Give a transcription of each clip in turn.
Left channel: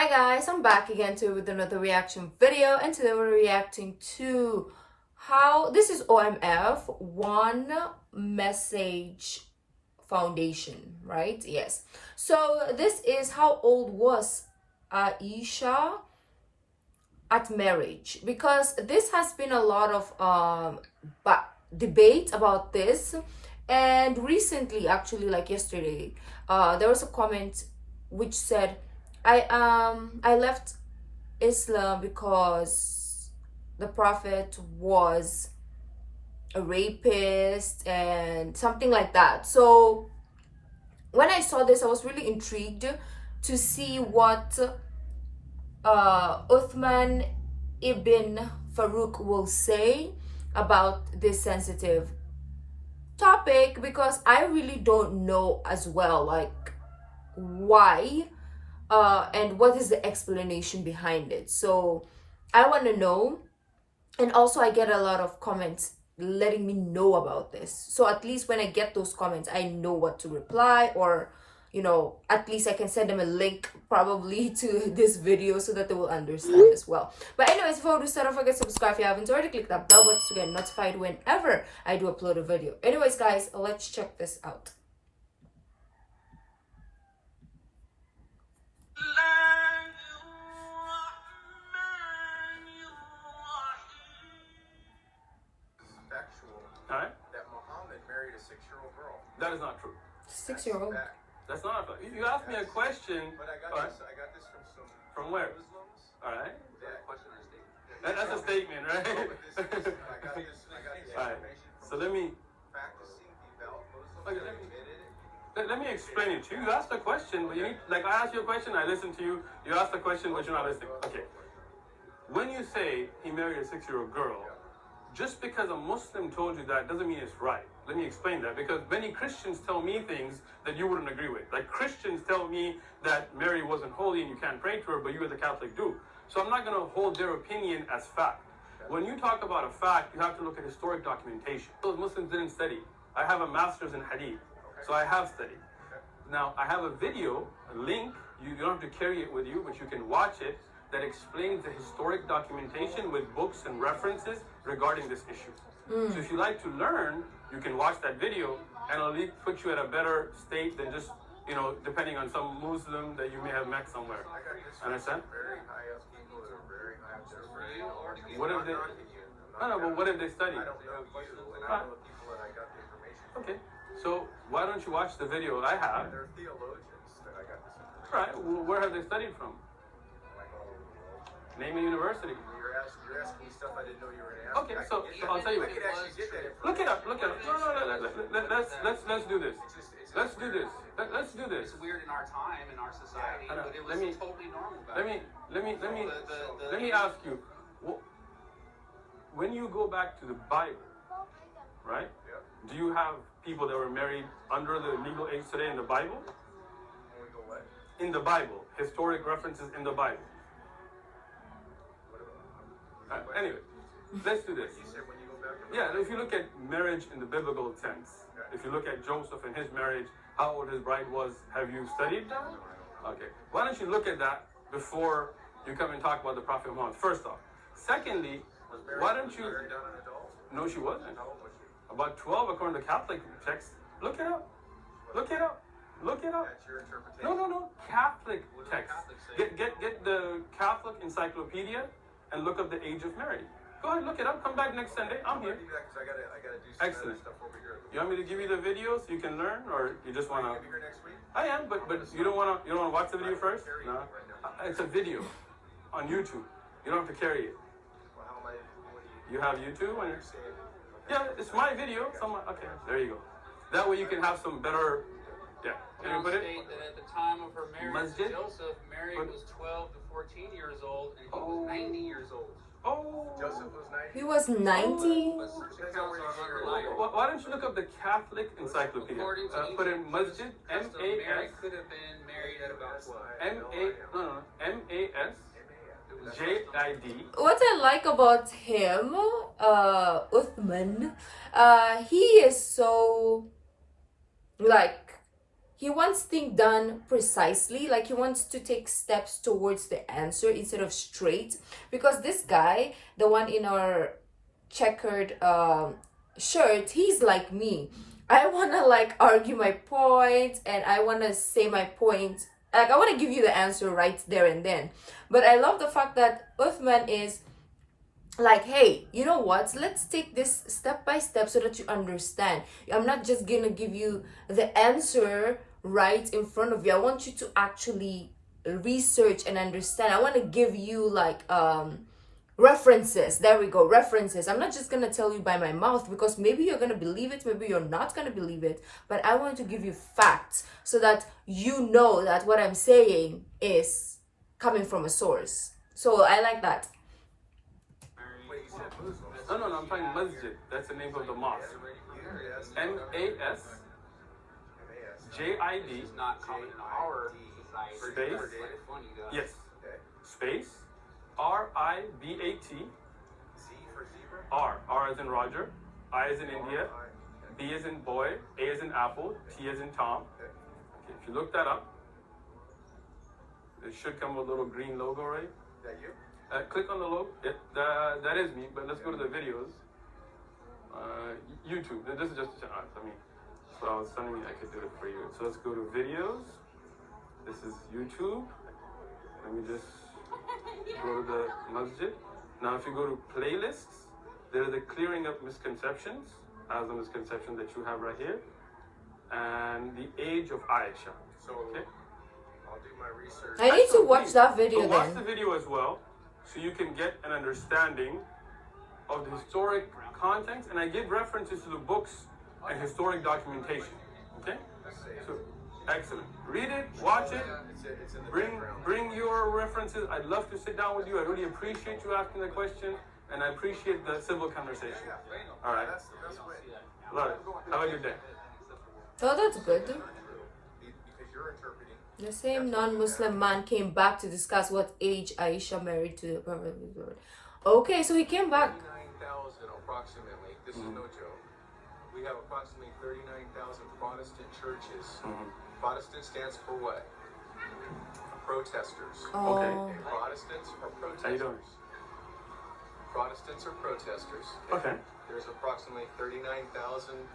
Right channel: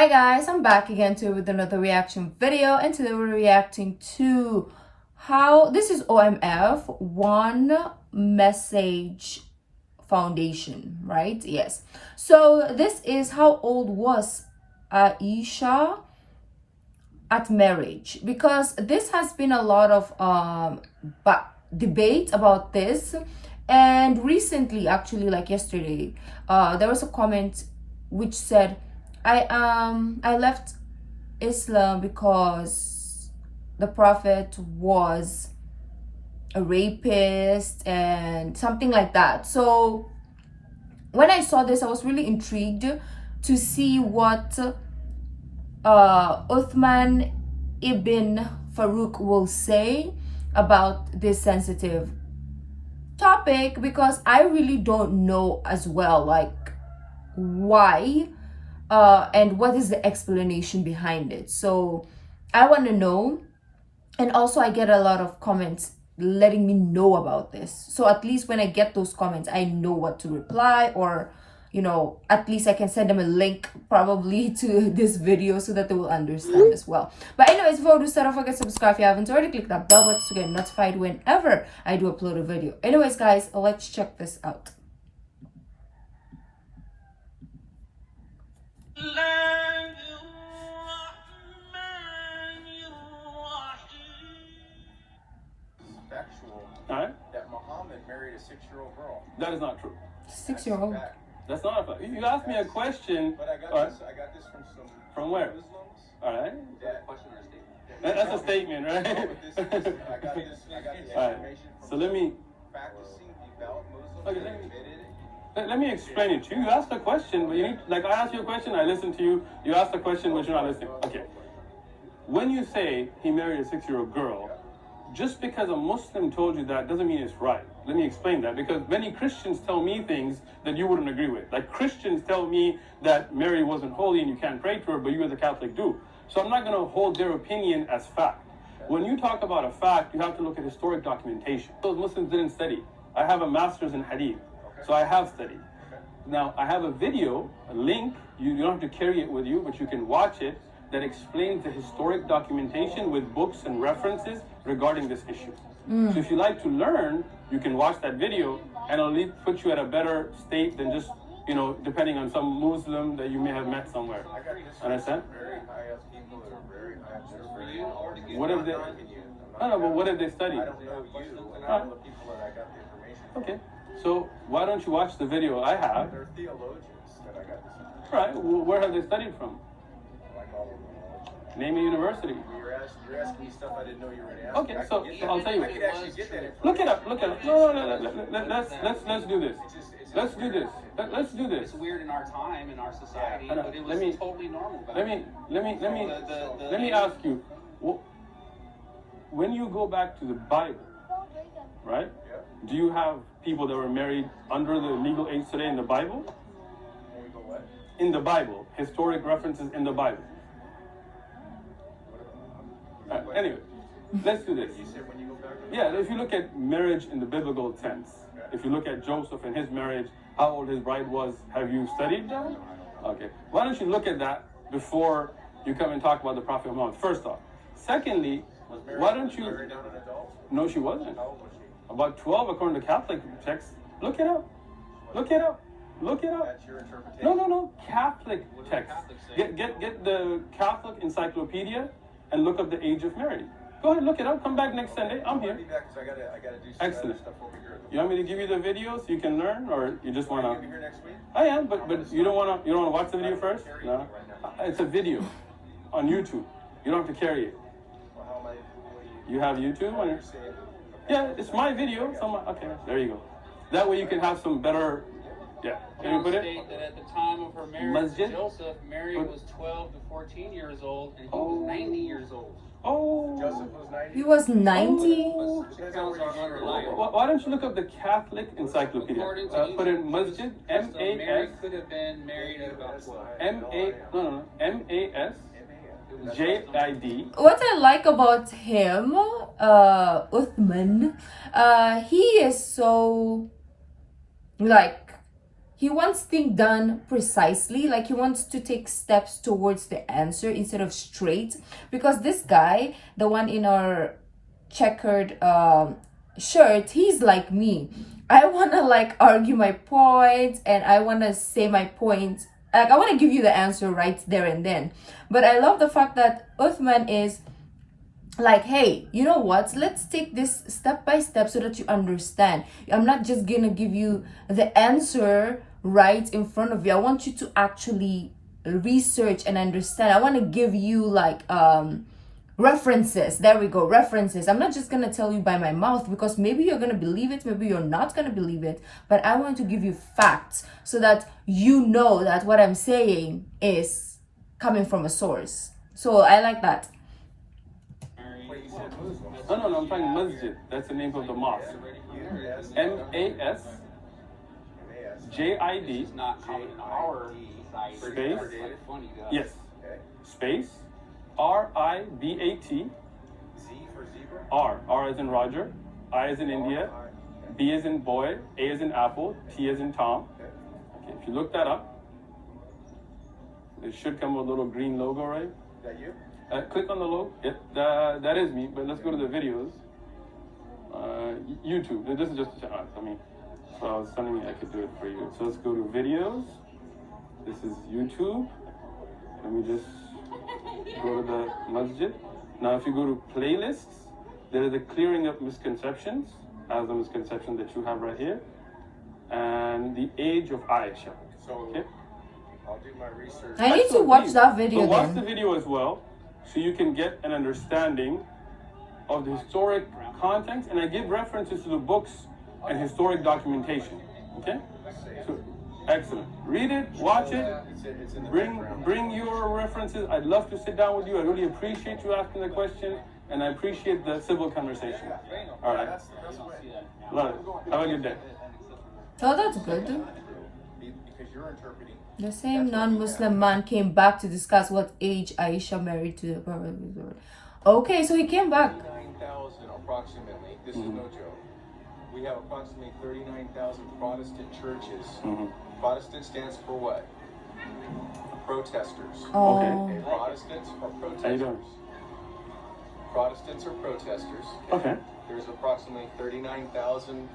Hi guys, I'm back again with another reaction video, and today we're reacting to how this is OMF One Message Foundation, right? Yes. So this is how old was Aisha at marriage, because this has been a lot of debate about this. And recently, actually like yesterday, there was a comment which said I left Islam because the prophet was a rapist and something like that. So when I saw this, I was really intrigued to see what Uthman ibn Farouk will say about this sensitive topic, because I really don't know as well, like, why and what is the explanation behind it. So I want to know. And also I get a lot of comments letting me know about this, so at least when I get those comments, I know what to reply, or at least I can send them a link probably to this video so that they will understand as well. But anyways, before we start, don't forget to subscribe if you haven't already. Click that bell button to get notified whenever I do upload a video. Anyways guys, let's check this out. Alright? That Muhammad married a 6-year-old girl. That is not true. 6-year-old. That's not a fact. You asked me a question. But I got this from some From where? Muslims. Alright. That's a statement, right? I got this Alright. information from So let me practicing devout Muslims. Okay, that admitted it. let me explain it to you. You asked a question, but you need, like, I asked you a question, I listened to you. You asked a question, but you're not listening. Okay. When you say he married a 6-year-old girl, just because a Muslim told you that doesn't mean it's right. Let me explain that, because many Christians tell me things that you wouldn't agree with. Like, Christians tell me that Mary wasn't holy and you can't pray to her, but you as a Catholic do. So I'm not going to hold their opinion as fact. When you talk about a fact, you have to look at historic documentation. Those Muslims didn't study. I have a master's in hadith, so I have studied. Now, I have a video, a link, you don't have to carry it with you, but you can watch it, that explains the historic documentation with books and references regarding this issue. So if you like to learn, you can watch that video, and it'll put you at a better state than just, depending on some Muslim that you may have met somewhere. Understand? Very high up people that are very high up there. What have they? No, but what did they study? I don't know you, and I know the people that I got the information from. Okay, so why don't you watch the video I have? They're theologians that I got this information. All right, well, where have they studied from? Like all over the world. Name a university. You're asking me stuff I didn't know you were going to ask. Okay, so I'll tell you. I could actually get that information. Look it up. No. Let's do this. Let's do this. Let's do this. It's weird in our time, in our society, I know. but it was totally normal back then. Let me ask you. When you go back to the Bible, right? Yeah. Do you have people that were married under the legal age today in the Bible? When we go what? In the Bible, historic references in the Bible. Anyway, let's do this. You said when you go back to the Yeah, if you look at marriage in the biblical sense, if you look at Joseph and his marriage, how old his bride was, have you studied that? Okay. Why don't you look at that before you come and talk about the Prophet Muhammad, first off. Secondly, why don't you... married down an adult? No, she wasn't. How old was she? About 12 according to Catholic texts. Look it up. Look it up. Look it up. That's your interpretation. No. Catholic text. Get the Catholic encyclopedia and look up the age of marriage. Go ahead, look it up. Come back next Sunday. I'm here. I'll be back 'cause I gotta do some Excellent. other stuff over here. You want me to give you the video so you can learn, or you just want Are you to? gonna be here next week? I am, but you don't want to watch the video first? No. It's a video on YouTube. You don't have to carry it. Well, how am I? You have YouTube on your... Say it. Yeah, it's my video. Okay, there you go. That way you can have some better... Yeah. Can you put it? State that at the time of her marriage, Masjid? Joseph, Mary was 12 to 14 years old, and he was 90 years old. Oh. Joseph was 90. He was 90. But tells our life. Why don't you look up the Catholic encyclopedia? According to Put in Masjid, Mary M-A-S... could have been married at about 12. M-A-S... J-I-D. What I like about him, Uthman, he is so, like, he wants things done precisely, like he wants to take steps towards the answer instead of straight. Because this guy, the one in our checkered shirt, he's like me. I want to like argue my point, and I want to say my point, like I want to give you the answer right there and then. But I love the fact that Uthman is like, hey, you know what, let's take this step by step so that you understand. I'm not just gonna give you the answer right in front of you. I want you to actually research and understand. I want to give you like references. There we go, references. I'm not just gonna tell you by my mouth, because maybe you're gonna believe it, maybe you're not gonna believe it, but I want to give you facts so that you know that what I'm saying is coming from a source. So I like that. No, I'm talking masjid. That's the name of the mosque. MASJID It's not common in our society. space. Yes. Space. RIBAT. Z for zebra. R as in Roger. I as in India. B as in boy. A as in apple. T as in Tom. Okay, if you look that up, it should come with a little green logo, right? Is that you? Click on the logo. Yep, that is me. But let's go to the videos. YouTube. This is just. I mean, so I was telling you I could do it for you. So let's go to videos. This is YouTube. Let me just go to the masjid. Now, if you go to playlists, there is a clearing up misconceptions, as the misconception that you have right here, and the age of Aisha. So Okay. I'll do my research. I need to watch that video So watch the then. video as well, so you can get an understanding of the historic context, and I give references to the books and historic documentation. Okay? So, excellent. Read it, watch it, It's in the background. bring your references. I'd love to sit down with you. I really appreciate you asking the question, and I appreciate the civil conversation. All right. That's what Love it. Have a good day. Oh, that's good. because you're interpreting. The same non-Muslim man came back to discuss what age Aisha married to the Prophet. Okay, so he came back. 39,000 approximately. This is no joke. We have approximately 39,000 Protestant churches. Protestant stands for what? Protesters. Oh, And Protestants are How you doing? protesters. Protestants are protesters. Okay. There's approximately 39,000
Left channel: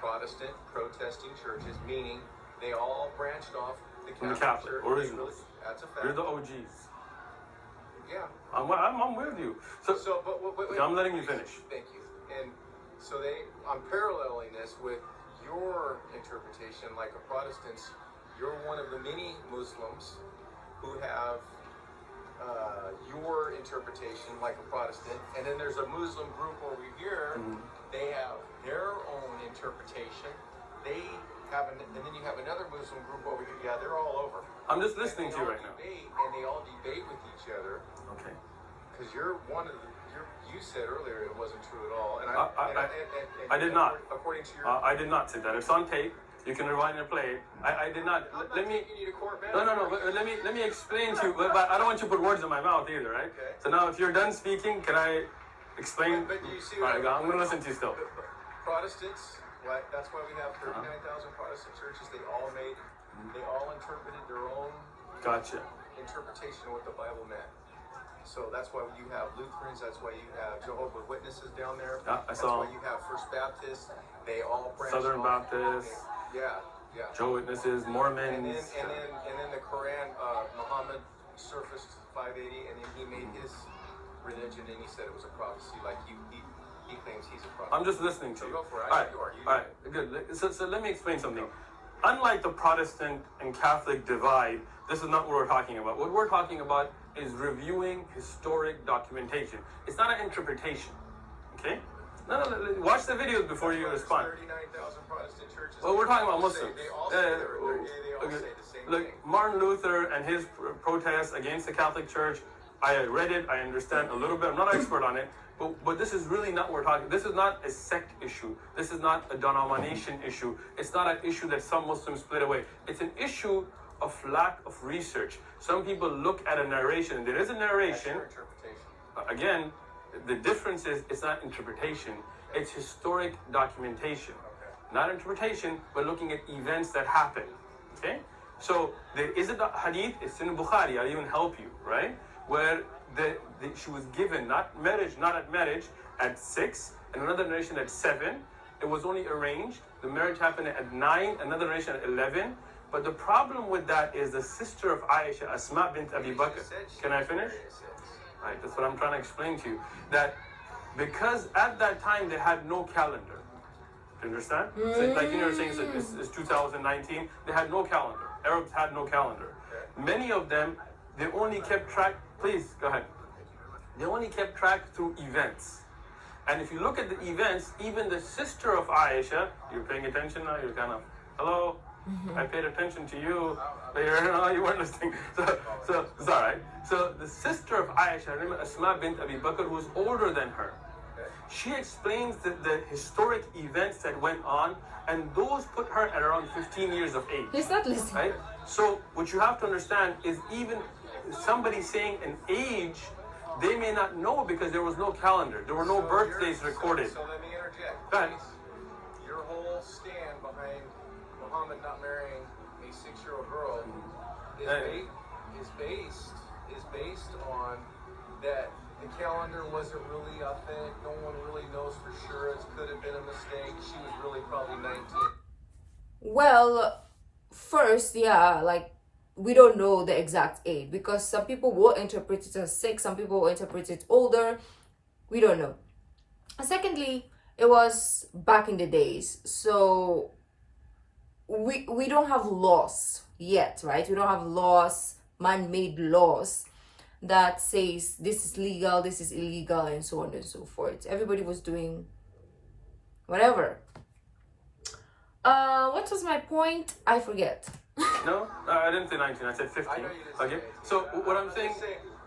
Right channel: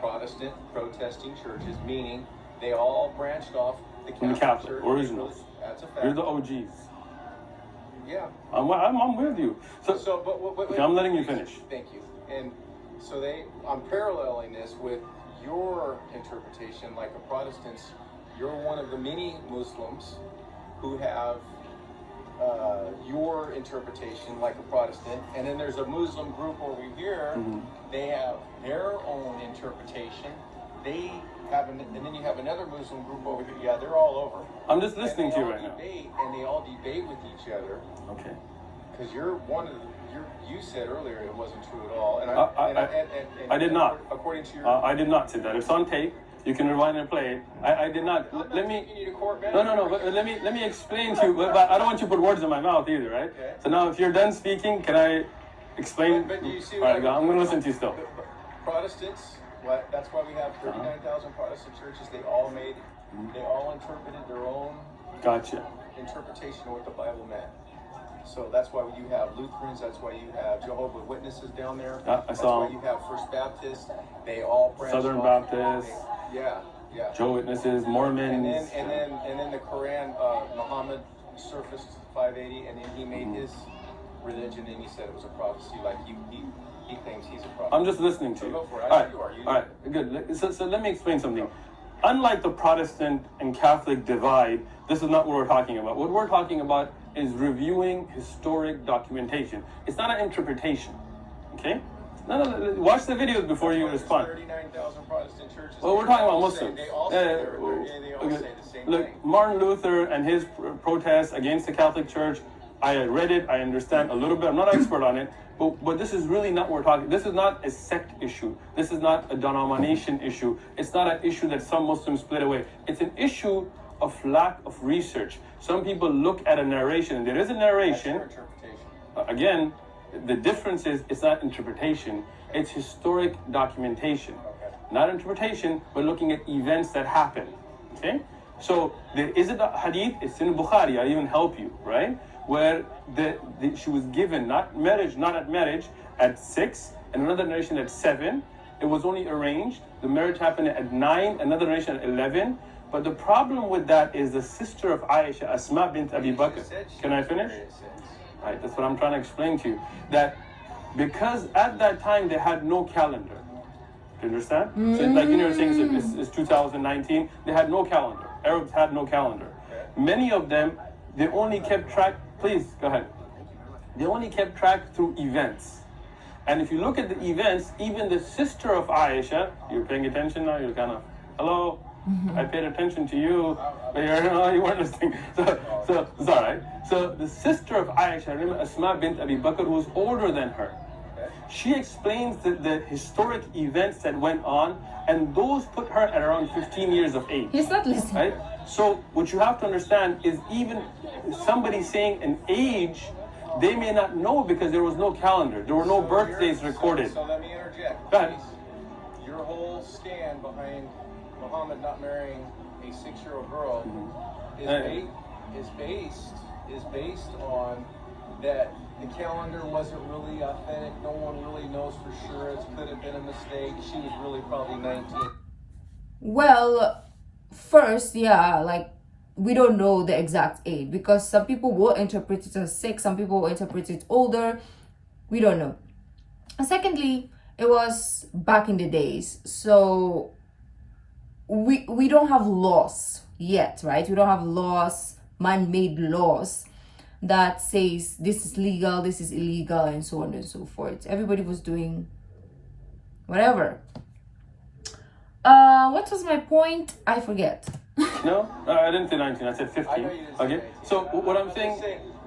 Protestant protesting churches, meaning they all branched off the From the Catholic Catholic, Church. originals. That's a You're fact. the OGs. Yeah. I'm with you. So, But okay, I'm letting you finish. Thank you. And so I'm paralleling this with your interpretation, like a Protestants. You're one of the many Muslims who have your interpretation, like a Protestant, and then there's a Muslim group over here. They have their own interpretation. They have, and then you have another Muslim group over here. Yeah, they're all over. I'm just listening to you right now. And they all debate with each other. Okay. Because you're one of the, you said earlier it wasn't true at all, and I did not. According to your, I did not say that. It's on tape. You can rewind and play it. I did not. Let me. taking you to court, man. No. But let me explain to you. But I don't want you to put words in my mouth either, right? Okay. So now, if you're done speaking, can I explain? But you see All right, what I'm going to listen to you still. Protestants. That's why we have 39,000 Protestant churches. They all interpreted their own Gotcha. interpretation of what the Bible meant. So that's why you have Lutherans. That's why you have Jehovah's Witnesses down there. I saw That's why you have First Baptists. They all branched Southern off. Baptists, Yeah. Jehovah's Witnesses, And Mormons. then the Quran, Muhammad surfaced 580, and then he made his religion, and he said it was a prophecy. Like he claims he's a prophet. I'm just listening to So you. go for it. All I right, know you are. You all right, good. So let me explain something. Unlike the Protestant and Catholic divide, this is not what we're talking about. What we're talking about is reviewing historic documentation. It's not an interpretation, okay? No. Watch the videos before you respond. 39,000 Protestant churches. Well, we're talking about Muslims. They all say the same Look, thing. Martin Luther and his protests against the Catholic Church, I read it, I understand a little bit. I'm not an expert on it, but this is really not what we're talking. This is not a sect issue. This is not a denomination issue. It's not an issue that some Muslims split away. It's an issue of lack of research. Some people look at a narration, and there is a That's your narration. interpretation. Again, the difference is it's not interpretation. It's historic documentation. Okay. Not interpretation, but looking at events that happen. Okay? So there is a hadith, it's in Bukhari, I'll even help you, right? Where she was given not at marriage at 6, and another narration at 7. It was only arranged. The marriage happened at 9, another narration at 11. But the problem with that is the sister of Aisha, Asma bint Abi Bakr. Can I finish? Right, that's what I'm trying to explain to you. That because at that time they had no calendar. Do you understand? So like you were saying, it's 2019. They had no calendar. Arabs had no calendar. Many of them, they only kept track. Please go ahead. They only kept track through events. And if you look at the events, even the sister of Aisha, you're paying attention now. You're kind of, hello. I paid attention to you, but you weren't listening. So it's all right. So the sister of Aisha, remember Asma bint Abi Bakr, who was older than her. She explains the historic events that went on, and those put her at around 15 years of age. He's not listening. Right? So what you have to understand is even somebody saying an age, they may not know because there was no calendar. There were no birthdays recorded. So let me interject. Go ahead. Your whole stand behind Muhammad not marrying a 6-year-old girl is based on that the calendar wasn't really authentic. No one really knows for sure. It could have been a mistake. She was really probably 19. Well, first, yeah, like we don't know the exact age because some people will interpret it as 6, some people will interpret it older. We don't know. And secondly, it was back in the days, so we don't have laws yet, right? We don't have laws, man-made laws that says this is legal, this is illegal, and so on and so forth. Everybody was doing whatever. What was my point? I forget. No, I didn't say 19. I said 15. I know you didn't Okay. say So what I'm saying.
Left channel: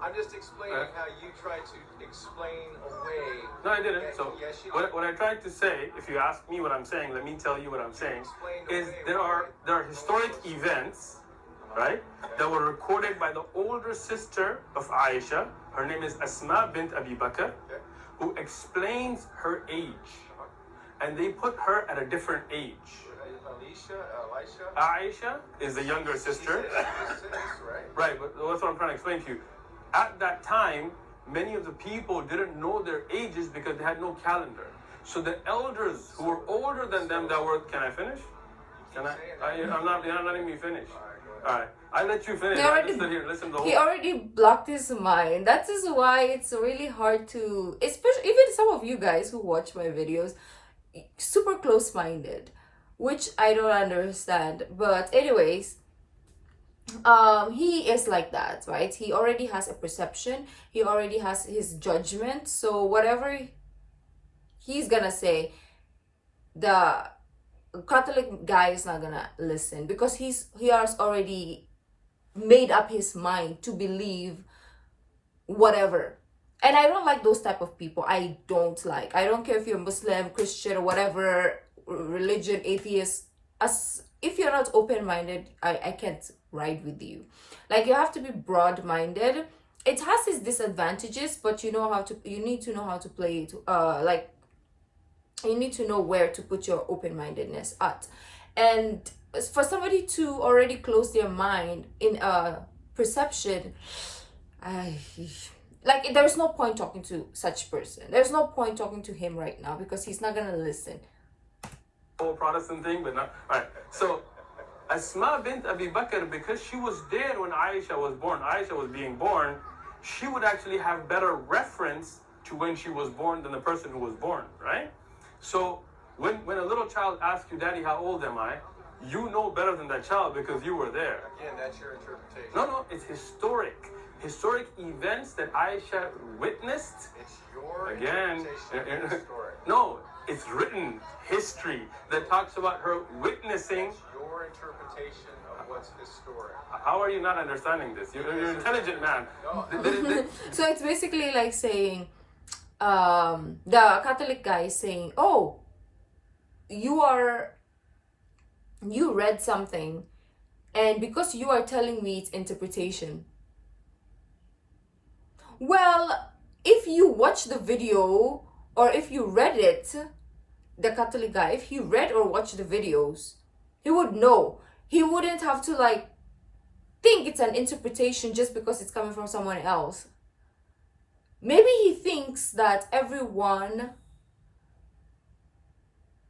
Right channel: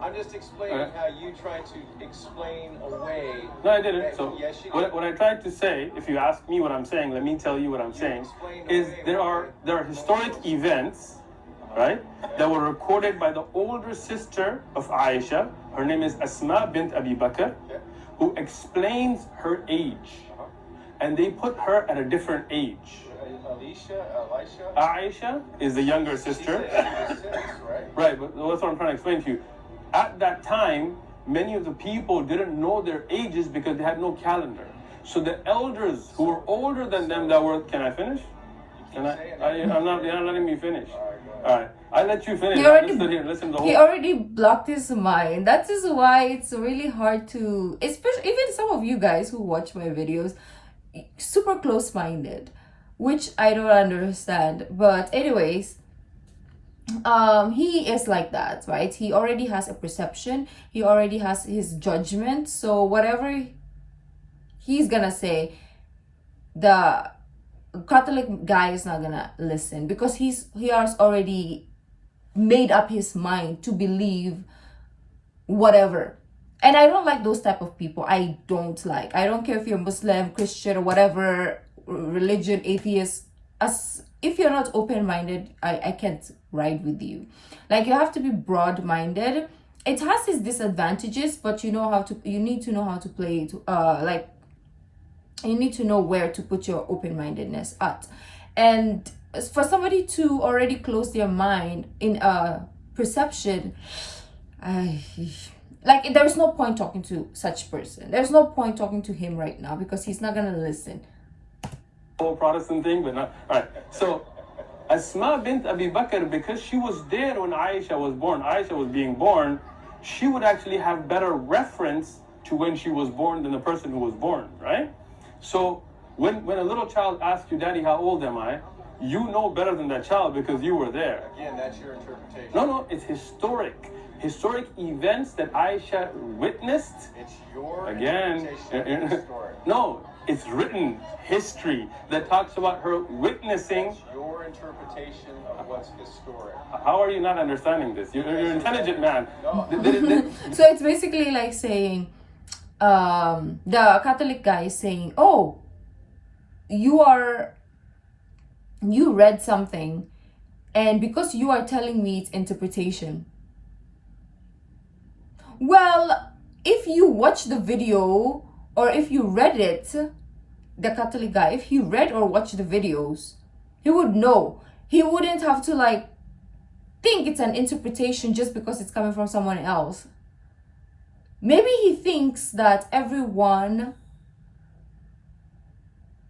I'm just explaining how you try to explain away. No, I didn't. So Yes, you what I tried to say, if you ask me what I'm saying, let me tell you what I'm saying, is there are historic events, right, that were recorded by the older sister of Aisha. Her name is Asma bint Abi Bakr, who explains her age, and they put her at a different age. Aisha is the younger sister. Right, but that's what I'm trying to explain to you. At that time, many of the people didn't know their ages because they had no calendar. So the elders who were older than them that were, can I finish? Can I? I'm not, you're not letting me finish. All right, I let you finish. He already blocked his mind. That is why it's really hard to, especially even some of you guys who watch my videos, super close-minded, which I don't understand. But anyways, he is like that, right? He already has a perception, he already has his judgment, so whatever he's gonna say, the Catholic guy is not gonna listen because he has already made up his mind to believe whatever. And I don't like those type of people. I don't care if you're Muslim, Christian, or whatever religion, atheist. As if you're not open-minded, I can't ride with you. Like, you have to be broad-minded. It has its disadvantages, but you need to know how to play it. Like, you need to know where to put your open-mindedness at. And for somebody to already close their mind in a perception, like, there's no point talking to such person. There's no point talking to him right now because he's not gonna listen. Whole Protestant thing, but not. All right. So Asma bint Abi Bakr, because she was there when Aisha was born, Aisha was being born, she would actually have better reference to when she was born than the person who was born, right? So when a little child asks you, Daddy, how old am I? You know better than that child because you were there. Again, that's your interpretation. No, it's historic events that Aisha witnessed. It's your Again, interpretation of the story. no, it's written history that talks about her witnessing. It's your interpretation of what's historic. How are you not understanding this? You're an intelligent man. No. So it's basically like saying, the Catholic guy is saying, oh, you read something, and because you are telling me its interpretation. Well, if you watch the video or if you read it, the Catholic guy, if he read or watched the videos, he would know he wouldn't have to like think it's an interpretation just because it's coming from someone else. Maybe he thinks that everyone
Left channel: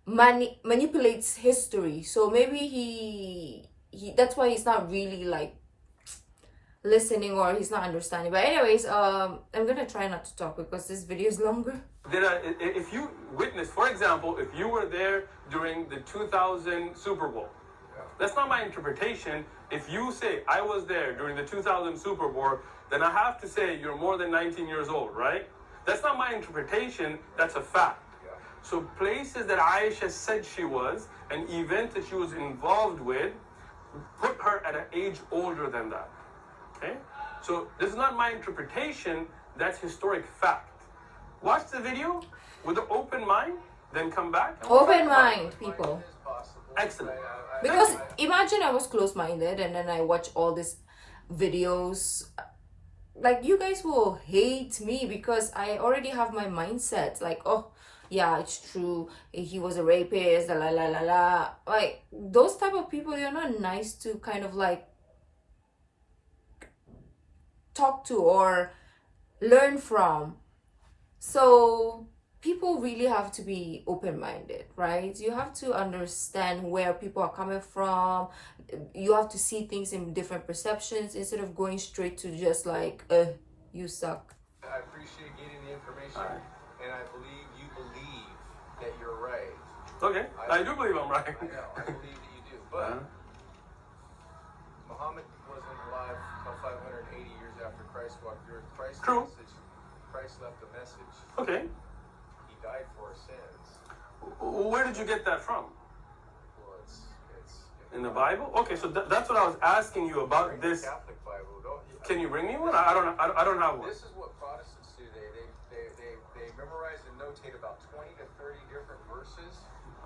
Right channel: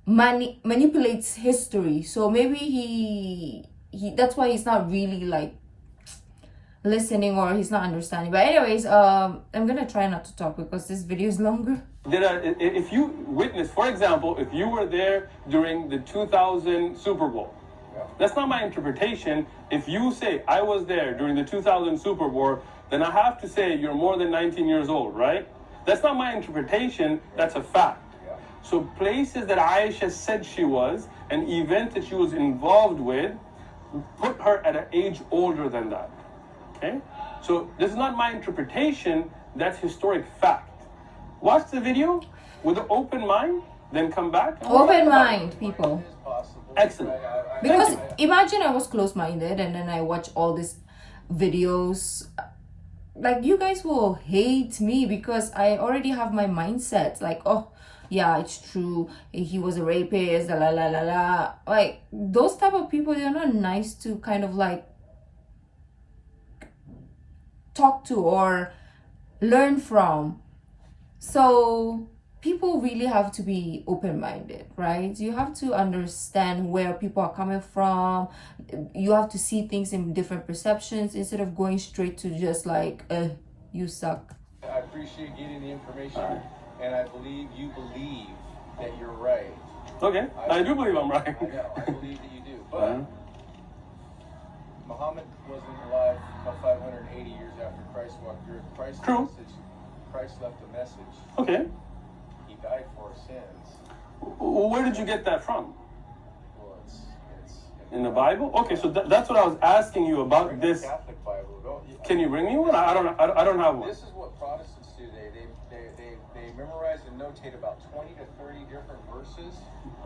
manipulates history, so maybe he that's why he's not really like listening, or he's not understanding. But anyways, I'm gonna try not to talk because this video is longer. If you witness, for example, if you were there during the 2000 Super Bowl, that's not my interpretation. If you say I was there during the 2000 Super Bowl, then I have to say you're more than 19 years old, right? That's not my interpretation, that's a fact. So places that Aisha said she was, an event that she was involved with, put her at an age older than that. Okay? So this is not my interpretation, that's historic fact. Watch the video with an open mind, then come back. Open mind, people. Excellent. Because imagine I was close-minded and then I watch all these videos. Like, you guys will hate me because I already have my mindset. Like, oh, yeah, it's true. He was a rapist, la la la la. Like, those type of people, they're not nice to kind of like talk to or learn from. So people really have to be open-minded, right? You have to understand where people are coming from. You have to see things in different perceptions instead of going straight to just like, you suck. I appreciate getting the information, and I believe you believe that you're right. Okay, I do believe I'm right. I know, I believe that you do. But Muhammad wasn't alive about 580 years after Christ walked through. Christ left a message. Okay. He died for our sins. Where did you get that from? Well, it's in the Bible? Okay, so that's what I was asking you about this. Catholic Bible. Can you bring me one? I don't have one. This is what Protestants do. They memorize and notate about 20 to 30 different verses.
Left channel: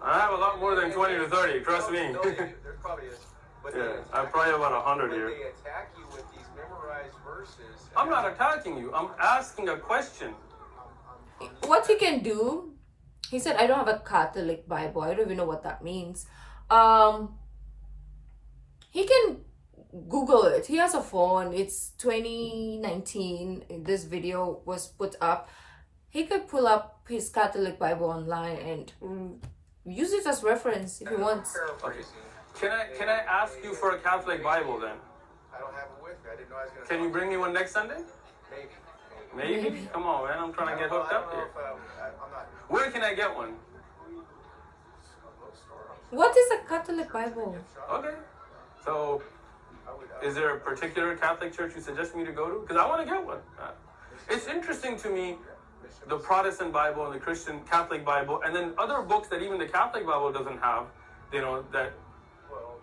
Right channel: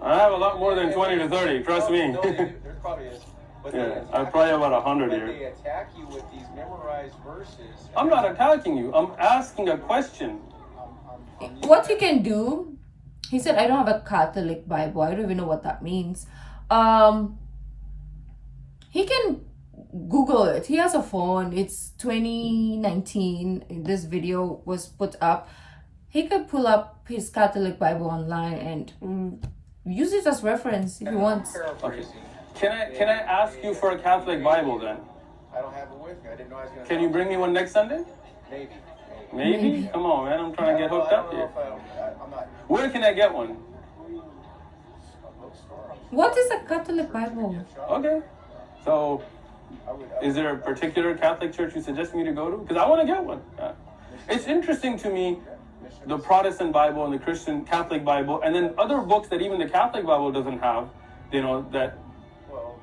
I have a lot more than 20 to 30, trust me. No, there probably is. But Yeah, I probably have about 100 but here. they attack you with these memorized verses. I'm not attacking you. I'm asking a question. What he can do, he said, I don't have a Catholic Bible. I don't even know what that means. He can Google it. He has a phone. It's 2019. This video was put up. He could pull up his Catholic Bible online and use it as reference if he wants. Okay. Can I ask you for a Catholic Bible then? I don't have it with me. I didn't know I was going to. Can you bring me one next Sunday? Maybe. Maybe? Come on, man. I'm trying to get hooked up here. I'm not. Where can I get one? What is a Catholic Bible? Okay. So, is there a particular Catholic church you suggest me to go to? Because I want to get one. It's interesting to me, the Protestant Bible and the Christian Catholic Bible, and then other books that even the Catholic Bible doesn't have, you know, that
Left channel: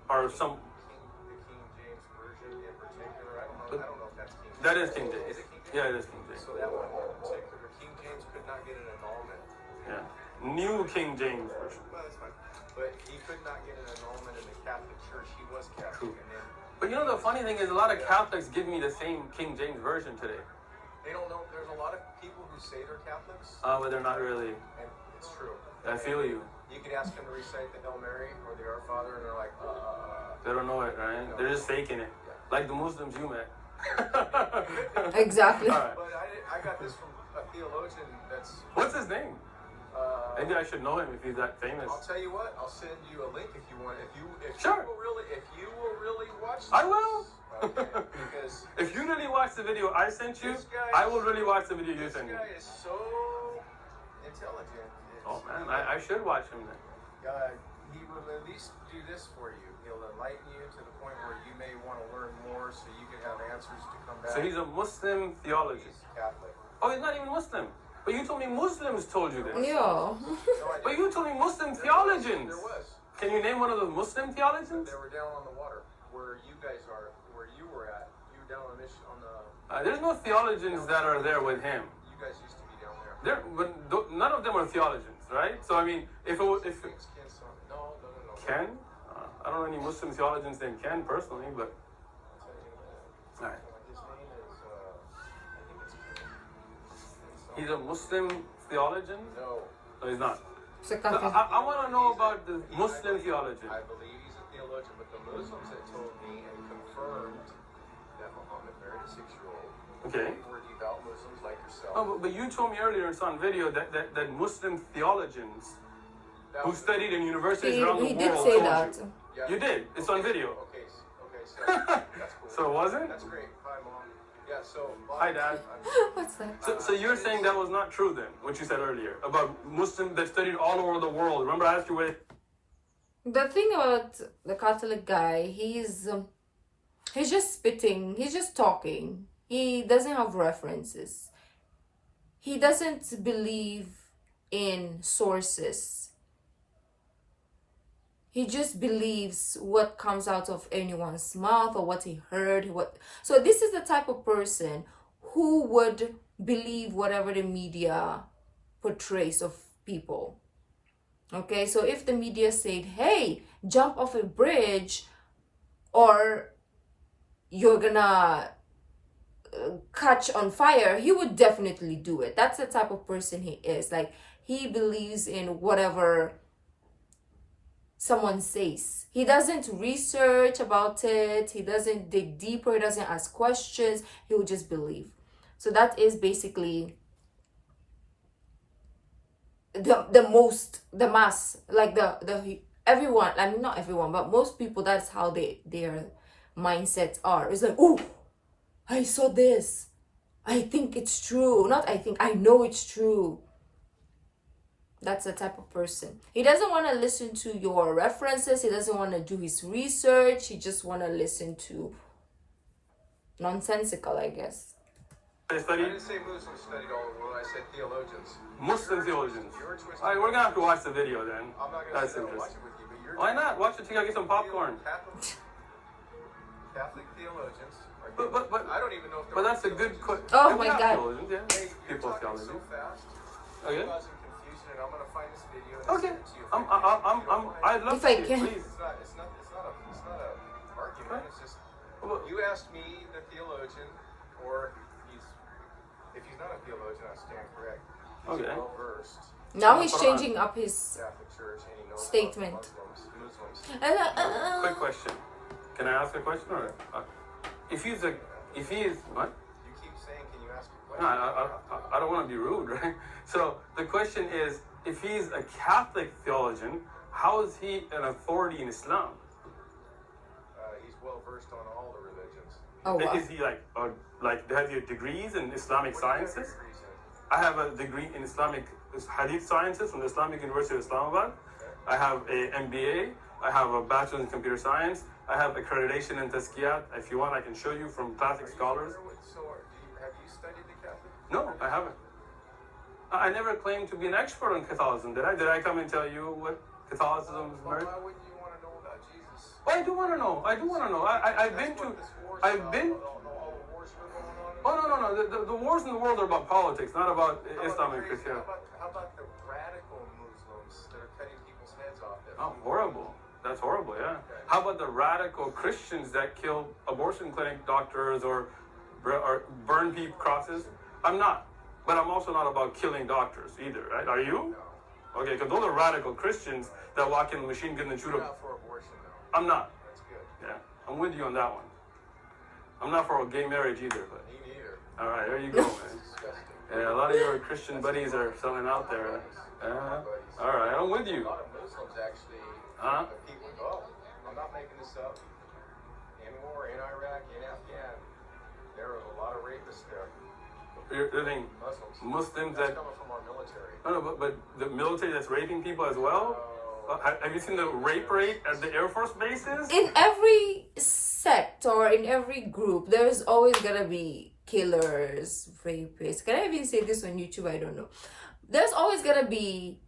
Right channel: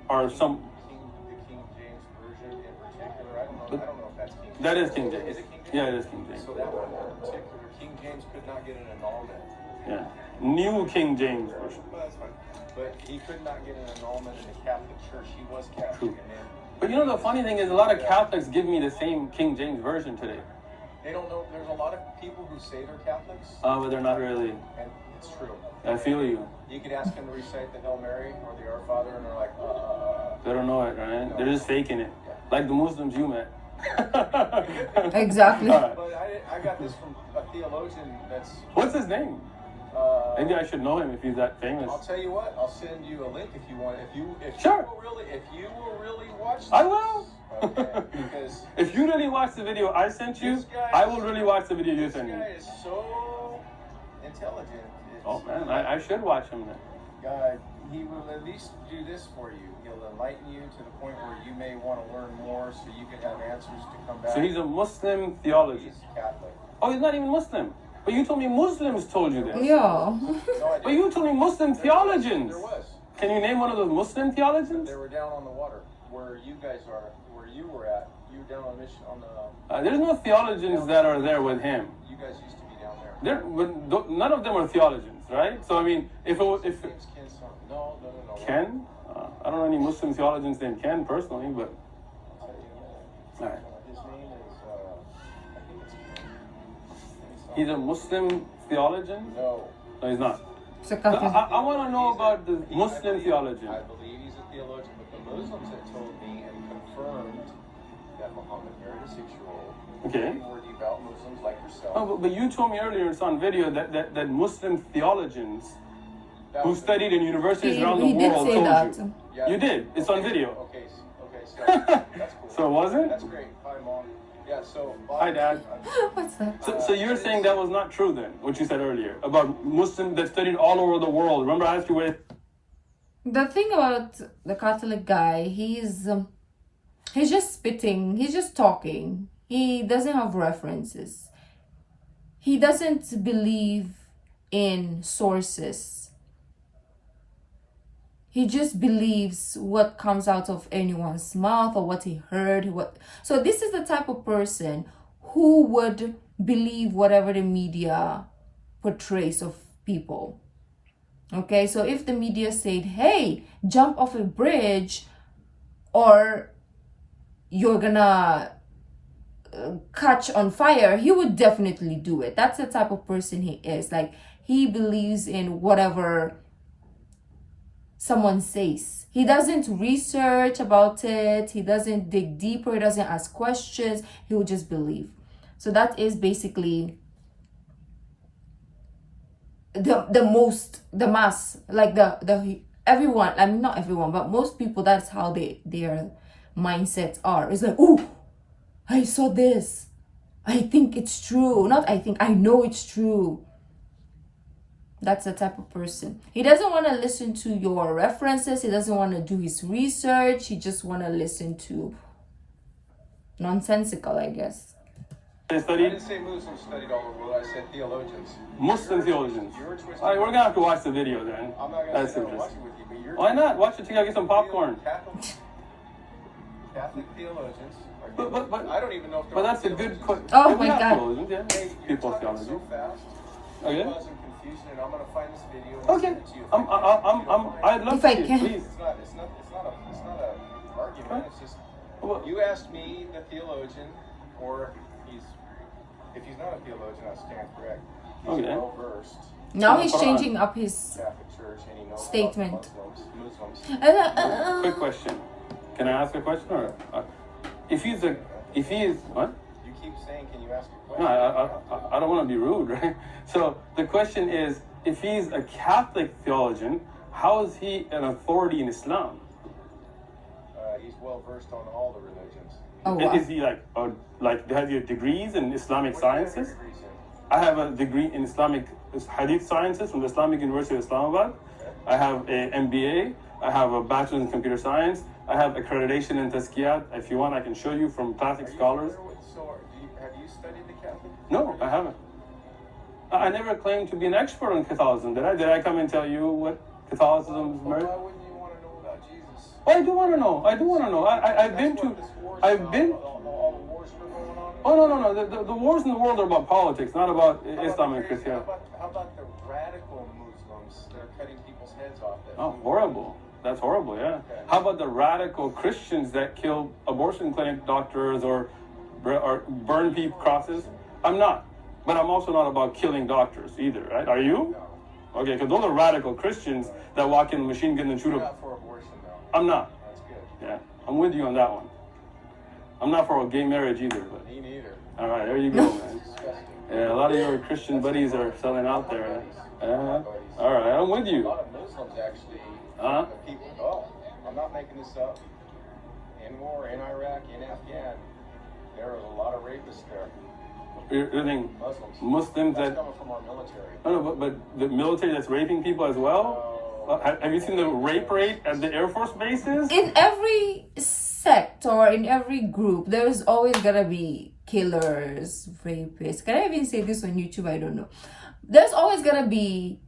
are some... The King James Version in particular, I don't know if that's King James. That is King James. Yeah, it is King James. So that one in particular, King James could not get an annulment. Yeah. New King James Version. Well, that's fine. But he could not get an annulment in the Catholic Church. He was Catholic. True. And then But you know the funny thing is a lot of Catholics give me the same King James Version today. they don't know. There's a lot of people who say they're Catholics, But they're not really. and it's true. I feel you. You could ask them to recite the Hail Mary or the Our Father, and they're like, They don't know it, right? They're just faking it. Like the Muslims you met. Exactly. All right. But I got this from a theologian that's. What's his name? Maybe I should know him if he's that famous. I'll tell you what. I'll send you a link if you want. Sure. If you will really watch this, I will. Okay, because If you really watch the video I sent you, I will really watch the video you sent me. this guy is so intelligent. Oh man, I should watch him then. God, he will at least do this for you. He'll enlighten you to the point where you may want to learn more, so you can have answers to come back. So he's a Muslim theologist. He's Catholic. Oh, he's not even Muslim. But you told me Muslims told you that. Yeah. No, I But you told me Muslim theologians. There was. Can you name one of those Muslim theologians? They were down on the water where you guys are, where you were at. You were down on mission on the. There's no theologians that are there with him. You guys used to be down there. None of them are theologians, right? So I mean, if James Ken's son. No. Ken, I don't know any Muslim theologians named Ken personally, but all right. His name is. I think it's. He's a Muslim theologian? No. No, he's not. It's a So Catholic. I want to know about the Muslim theologian. I believe he's a theologian, but the Muslims that told me and confirmed that Muhammad married a 6-year-old. Okay. They were devout Muslims like yourself. Oh, but you told me earlier it's on video that Muslim theologians who studied in universities around the He did world say told that. you. Yeah. You did. It's on video. Okay, so that's cool. So was it? That's great. Hi, Mom. Yeah, so... Hi, Dad. What's that? So you're saying that was not true then, what you said earlier, about Muslims that studied all over the world. Remember I asked you where... The thing about the Catholic guy, he's just spitting, he's just talking. He doesn't have references. He doesn't believe in sources. He just believes what comes out of anyone's mouth or what he heard. So this is the type of person who would believe whatever the media portrays of people. Okay, so if the media said, hey, jump off a bridge or you're gonna catch on fire, he would definitely do it. That's the type of person he is. Like, he believes in whatever someone says. He doesn't research about it. He doesn't dig deeper. He doesn't ask questions. He will just believe. So that is basically the mass, like the everyone. I mean, not everyone, but most people. That's how their mindsets are. It's like, oh, I saw this. I think it's true. Not I think. I know it's true. That's the type of person. He doesn't want to listen to your references. He doesn't want to do his research. He just want to listen to nonsensical, I guess. I didn't say Muslims studied all over the world. I said theologians. Muslim theologians. You're twisting. All right, we're going to have to watch the video then. I'm not going to sit down and watch it with you, but you're... Why not? Watch it together, get some popcorn. Catholic theologians are But I don't even know if they're... But that's a good question. Oh my God. Theologians, yeah. Hey, you're People's talking theology. so fast. Okay. I'm confused, and I'm going to find this video and Okay. send it to you. I'd love If to I see it, can. please. It's not a argument. It's just Well, you asked me, the theologian, or if he's not a theologian, I stand correct. He's Okay. well versed. Now he's changing up his Catholic Church, and he knows statement. about Muslims. Quick question. Can I ask a question or if he is what? You keep saying, can you ask a No, question? I don't want to be rude, right? So the question is, if he's a Catholic theologian, how is he an authority in Islam? He's well versed on all the religions. Oh wow. Is he like has he degrees in Islamic What do you have sciences? degrees in? I have a degree in Islamic Hadith sciences from the Islamic University of Islamabad. I have an MBA. I have a bachelor's in computer science. I have accreditation in Tazkiyat. If you want, I can show you from classic scholars. Have you studied the Catholic? No, I haven't. I never claimed to be an expert on Catholicism. Did I? Did I come and tell you what Catholicism is Well, merit? why wouldn't you want to know about Jesus? Oh, I do want to know. I do want to know. I've been to. I've been. All the wars that are going on? Oh no. The wars in the world are about politics, not about Islam and How Christianity. about the radical Muslims that are cutting people's heads off? Oh, horrible. That's horrible, yeah. How about the radical Christians that kill abortion clinic doctors or burn people crosses? I'm not. But I'm also not about killing doctors either, right? Are you? No. Okay, because those are radical Christians that walk in a machine gun and shoot You're up. not for abortion, though. I'm not. That's good. Yeah, I'm with you on that one. I'm not for a gay marriage either, but Me neither. all right, there you go, man. Disgusting. Yeah, a lot of your Christian buddies are selling out there. All right, I'm with A you. lot of Muslims actually Huh? people, I'm not making this up. In war, in Iraq, in Afghan, there are a lot of rapists there. You're saying Muslims. Muslims That's that... coming from our military. No, but the military that's raping people as well? Have you seen the rape rate at the Air Force bases? In every sect or in every group, there's always gonna be killers, rapists. Can I even say this on YouTube? I don't know. There's always gonna be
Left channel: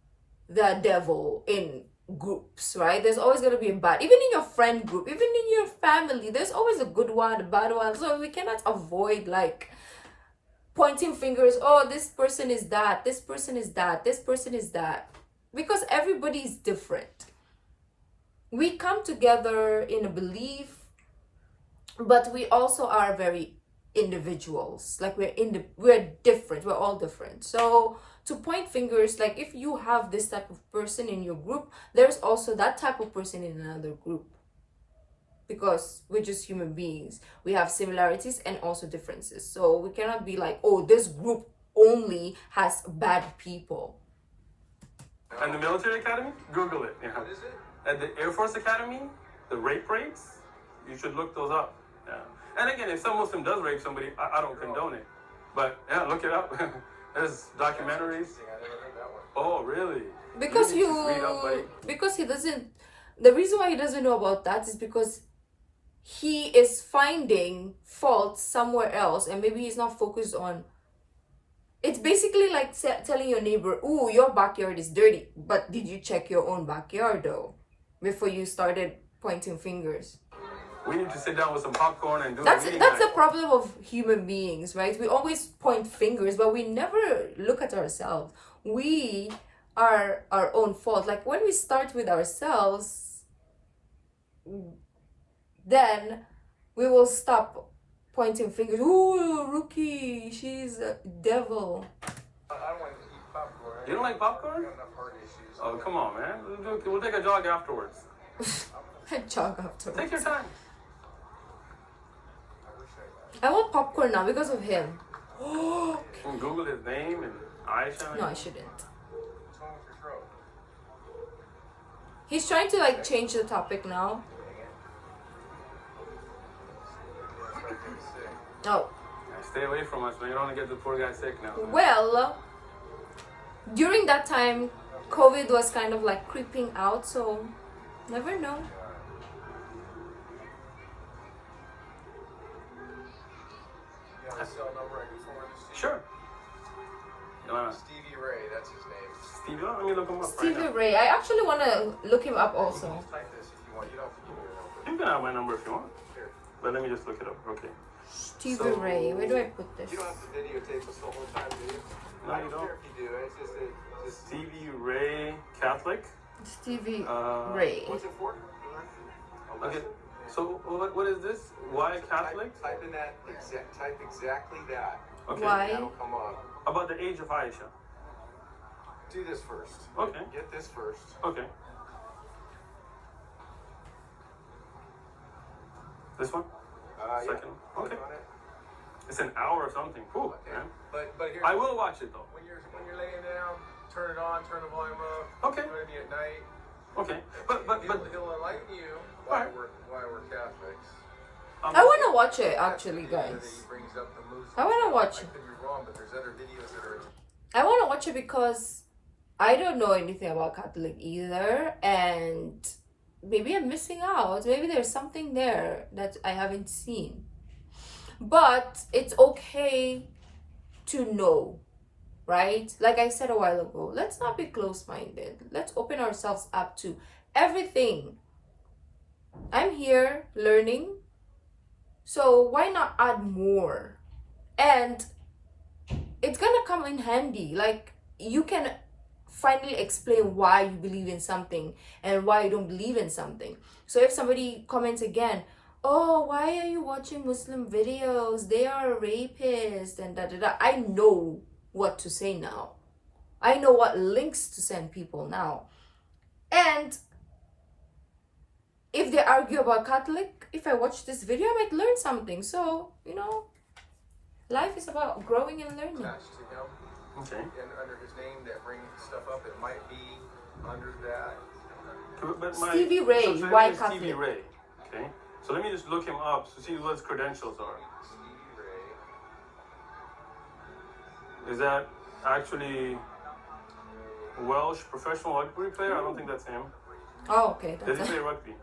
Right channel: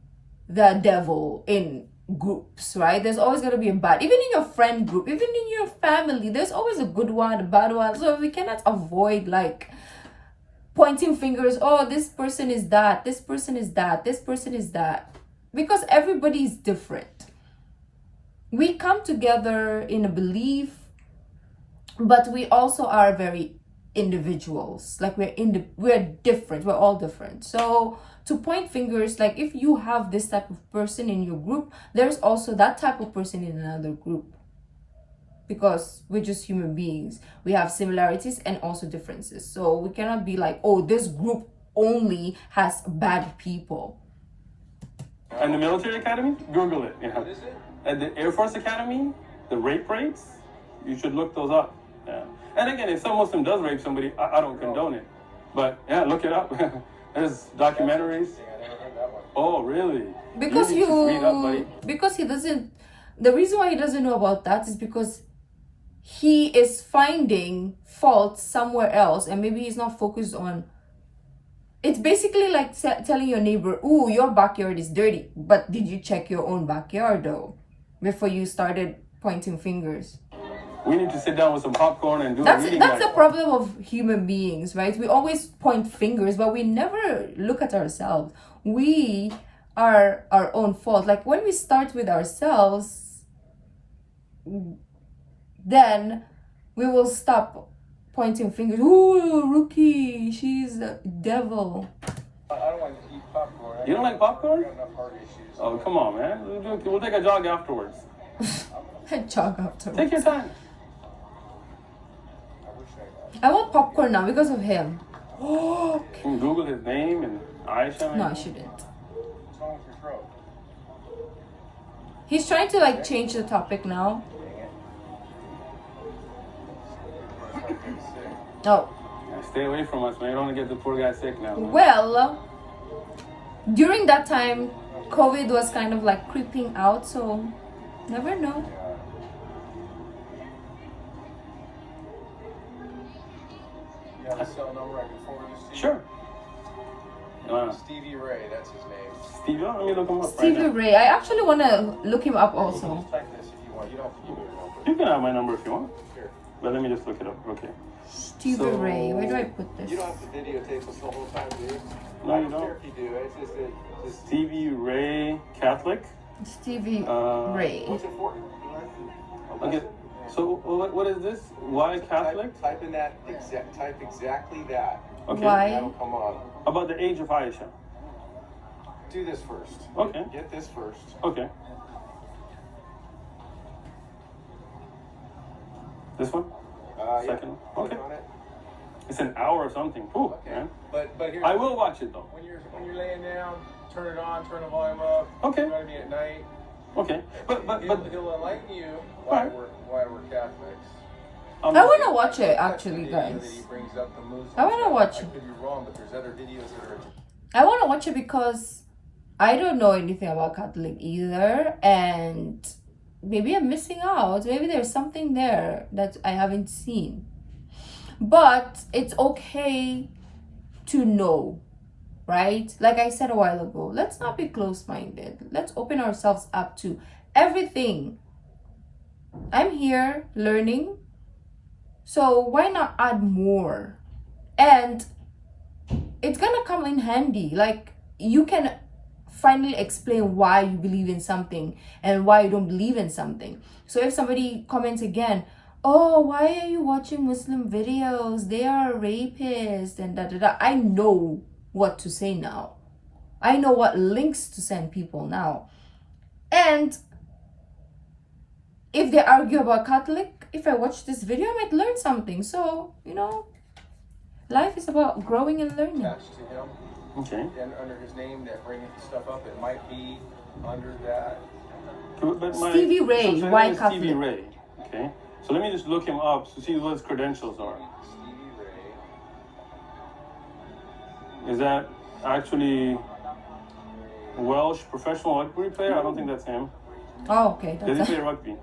the devil in groups, right? There's always gonna be a bad, even in your friend group, even in your family, there's always a good one, a bad one. So we cannot avoid like pointing fingers. Oh, this person is that, this person is that, this person is that, because everybody is different. We come together in a belief, but we also are very individuals. Like we're different. We're all different. So to point fingers, like if you have this type of person in your group, there's also that type of person in another group. because we're just human beings. We have similarities and also differences. So we cannot be like, oh, this group only has bad people. And the military academy, Google it. Yeah. What is it? At the Air Force Academy, the rape rates, you should look those up. Yeah. And again, if some Muslim does rape somebody, I don't condone it. But yeah, look it up. There's documentaries. I never heard that one. Oh, really? Because need to read up, buddy. because he doesn't, the reason why he doesn't know about that is because he is finding faults somewhere else, and maybe he's not focused on. It's basically like telling your neighbor, "Ooh, your backyard is dirty," but did you check your own backyard though before you started pointing fingers? We need to sit down with some popcorn and do That's the reading. the problem of human beings, right? We always point fingers, but we never look at ourselves. We are our own fault. Like when we start with ourselves, then we will stop pointing fingers. Ooh, Rookie, she's a devil. I don't want to eat popcorn. You don't like popcorn? I got enough heart issues. Oh, come on, man. We'll take a jog afterwards. Jog after. Take your time. I wish I want popcorn now because of him. Can you Google his name and Aisha? No, I shouldn't. What's wrong with your throat? He's trying to like change the topic now. Oh. Stay away from us, man. You don't want to get the poor guy sick now. Man. Well, during that time, COVID was kind of like creeping out, so never know. You got a cell number I can forward this to you? Sure. Stevie Ray, that's his name. Stevie, let me look him up Stevie right now. Ray. I actually want to look him up also. Type this if you want. You don't have to give it over. You can have my number if you want. Sure. But let me just look it up. Okay. Stevie So- Ray. Where do I put this? You don't have to videotape us the whole time, do you? No, I you don't don't. care if you do. It's just that. Just, Stevie Ray Catholic. Stevie Uh, Ray. what's it for? Okay. So what is this? Why Catholic? Type in that. Type exactly that. Okay. Why? That'll come on. About the age of Aisha. Do this first. Okay. Get this first. Okay. This one? Yeah. Second. Click Okay. on it. It's an hour or something. Ooh, Okay. man. But here's I will watch it though. when you're laying down, turn it on, turn the volume up. Okay. Maybe at night. Okay. But He'll enlighten you why Alright. why we're Catholics. I want to watch it That's the actually, video guys. that he brings up the Muslims. I wanna watch I it. could be wrong, but there's other videos that are. I want to watch it because I don't know anything about Catholic either, and maybe I'm missing out. Maybe there's something there that I haven't seen. But it's okay to know, right? Like I said a while ago, let's not be close-minded. Let's open ourselves up to everything. I'm here learning, so why not add more? And it's gonna come in handy. Like you can finally explain why you believe in something and why you don't believe in something. So if somebody comments again, oh, why are you watching Muslim videos? They are rapists and da da da. I know what to say now. I know what links to send people now. And if they argue about Catholic, if I watch this video, I might learn something. So, you know, life is about growing and learning. Attached to him okay. and under his name that bring stuff up. It might be under that. But Stevie Ray, so why his name is Catholic? Stevie Ray. Okay. So let me just look him up to see what his credentials are. Stevie Ray. Is that actually Welsh professional rugby player? I don't think that's him. Oh, okay. Does That's he play rugby?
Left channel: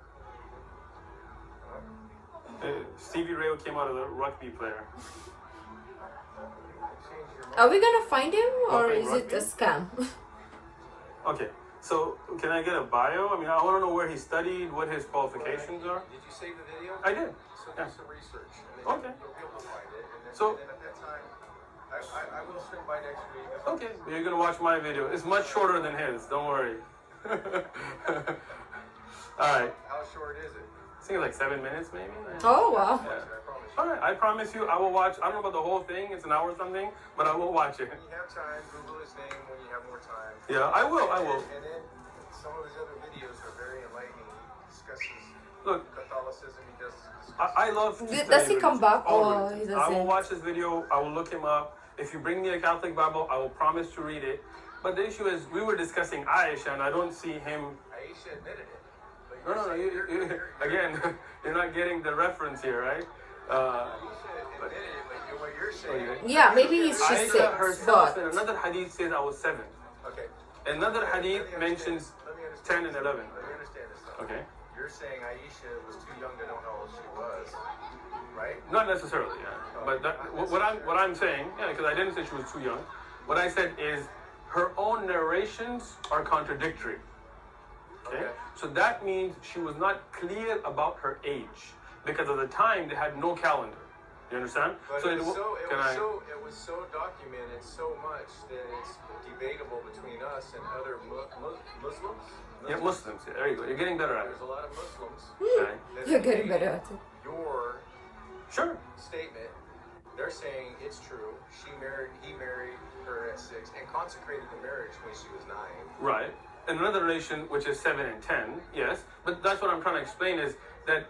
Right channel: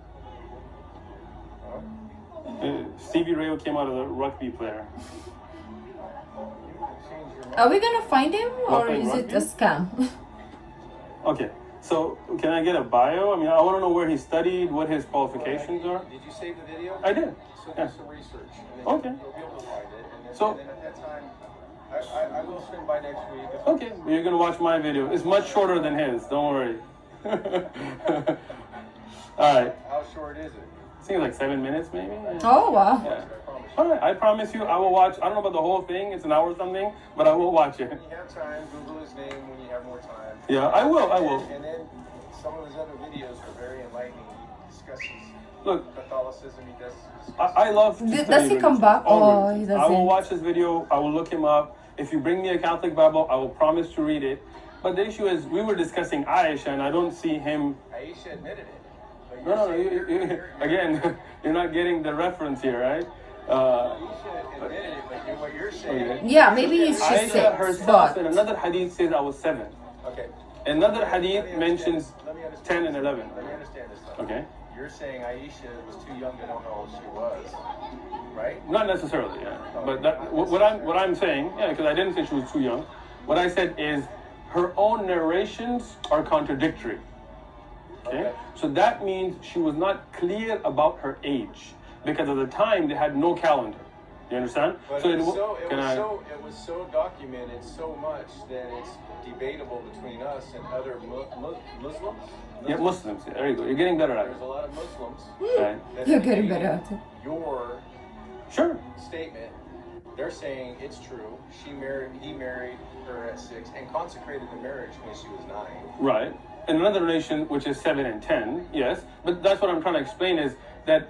Stevie Ray came out of the rugby player. Are we gonna find him or What, is it a rugby? scam? Okay. So can I get a bio? I mean, I want to know where he studied, what his qualifications are. Did you save the video? I did. So Yeah. do some research. And then Okay. You'll be able to find it. And then, So- and then at that time, I will swing by next week. Okay, you're gonna watch my video. It's much shorter than his. Don't worry. All right. How short is it? I think like 7 minutes, maybe. Oh, wow. Yeah. I promise you. All right. I promise you, I will watch. I don't know about the whole thing. It's an hour or something, but I will watch it. When you have time, Google his name when you have more time. Yeah, I will. I will. And then some of his other videos are very enlightening. He discusses Look, Catholicism, he does. I love. Does he come back? Oh, He I will doesn't. watch this video. I will look him up. If you bring me a Catholic Bible, I will promise to read it. But the issue is, we were discussing Aisha, and I don't see him. Aisha admitted it. But No, you're again, you're not getting the reference here, right? Aisha admitted it, but what you're saying. Okay. Yeah, maybe he's just Aisha 6, herself but in another hadith says I was 7. Okay. Another hadith Let me mentions understand 10 and 11. Let me understand this. Though. Okay. You're saying Aisha was too young to know how old she was, right? Not necessarily, yeah. But that, what I'm saying, yeah, because I didn't say she was too young. What I said is her own narrations are contradictory. Okay? So that means she was not clear about her age, because at the time they had no calendar. You understand? But So it was I? so documented so much that it's debatable between us and other Muslims. Yeah, Muslims. Yeah, there you go. You're getting better at it. There's a lot of Muslims. Right. that you're getting agree better at it. Your Sure. statement, they're saying it's true. He married her at 6 and consecrated the marriage when she was 9. Right. And another nation, which is 7 and 10, yes. But that's what I'm trying to explain is that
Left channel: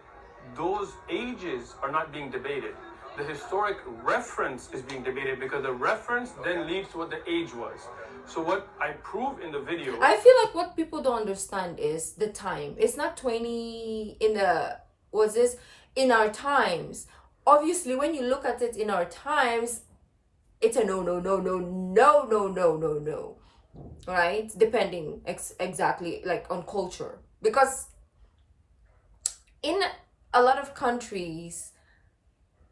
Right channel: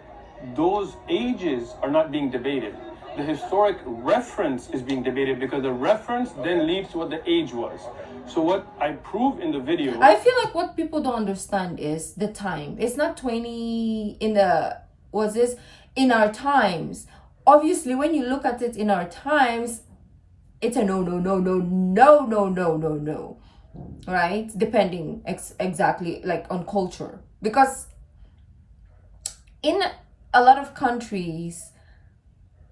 those ages are not being debated. The historic reference is being debated because the reference then leads to what the age was. So what I prove in the video... I feel like what people don't understand is the time. It's not 20 in the, what's this? In our times. Obviously, when you look at it in our times, it's a no. Right? Depending exactly like on culture. Because in a lot of countries,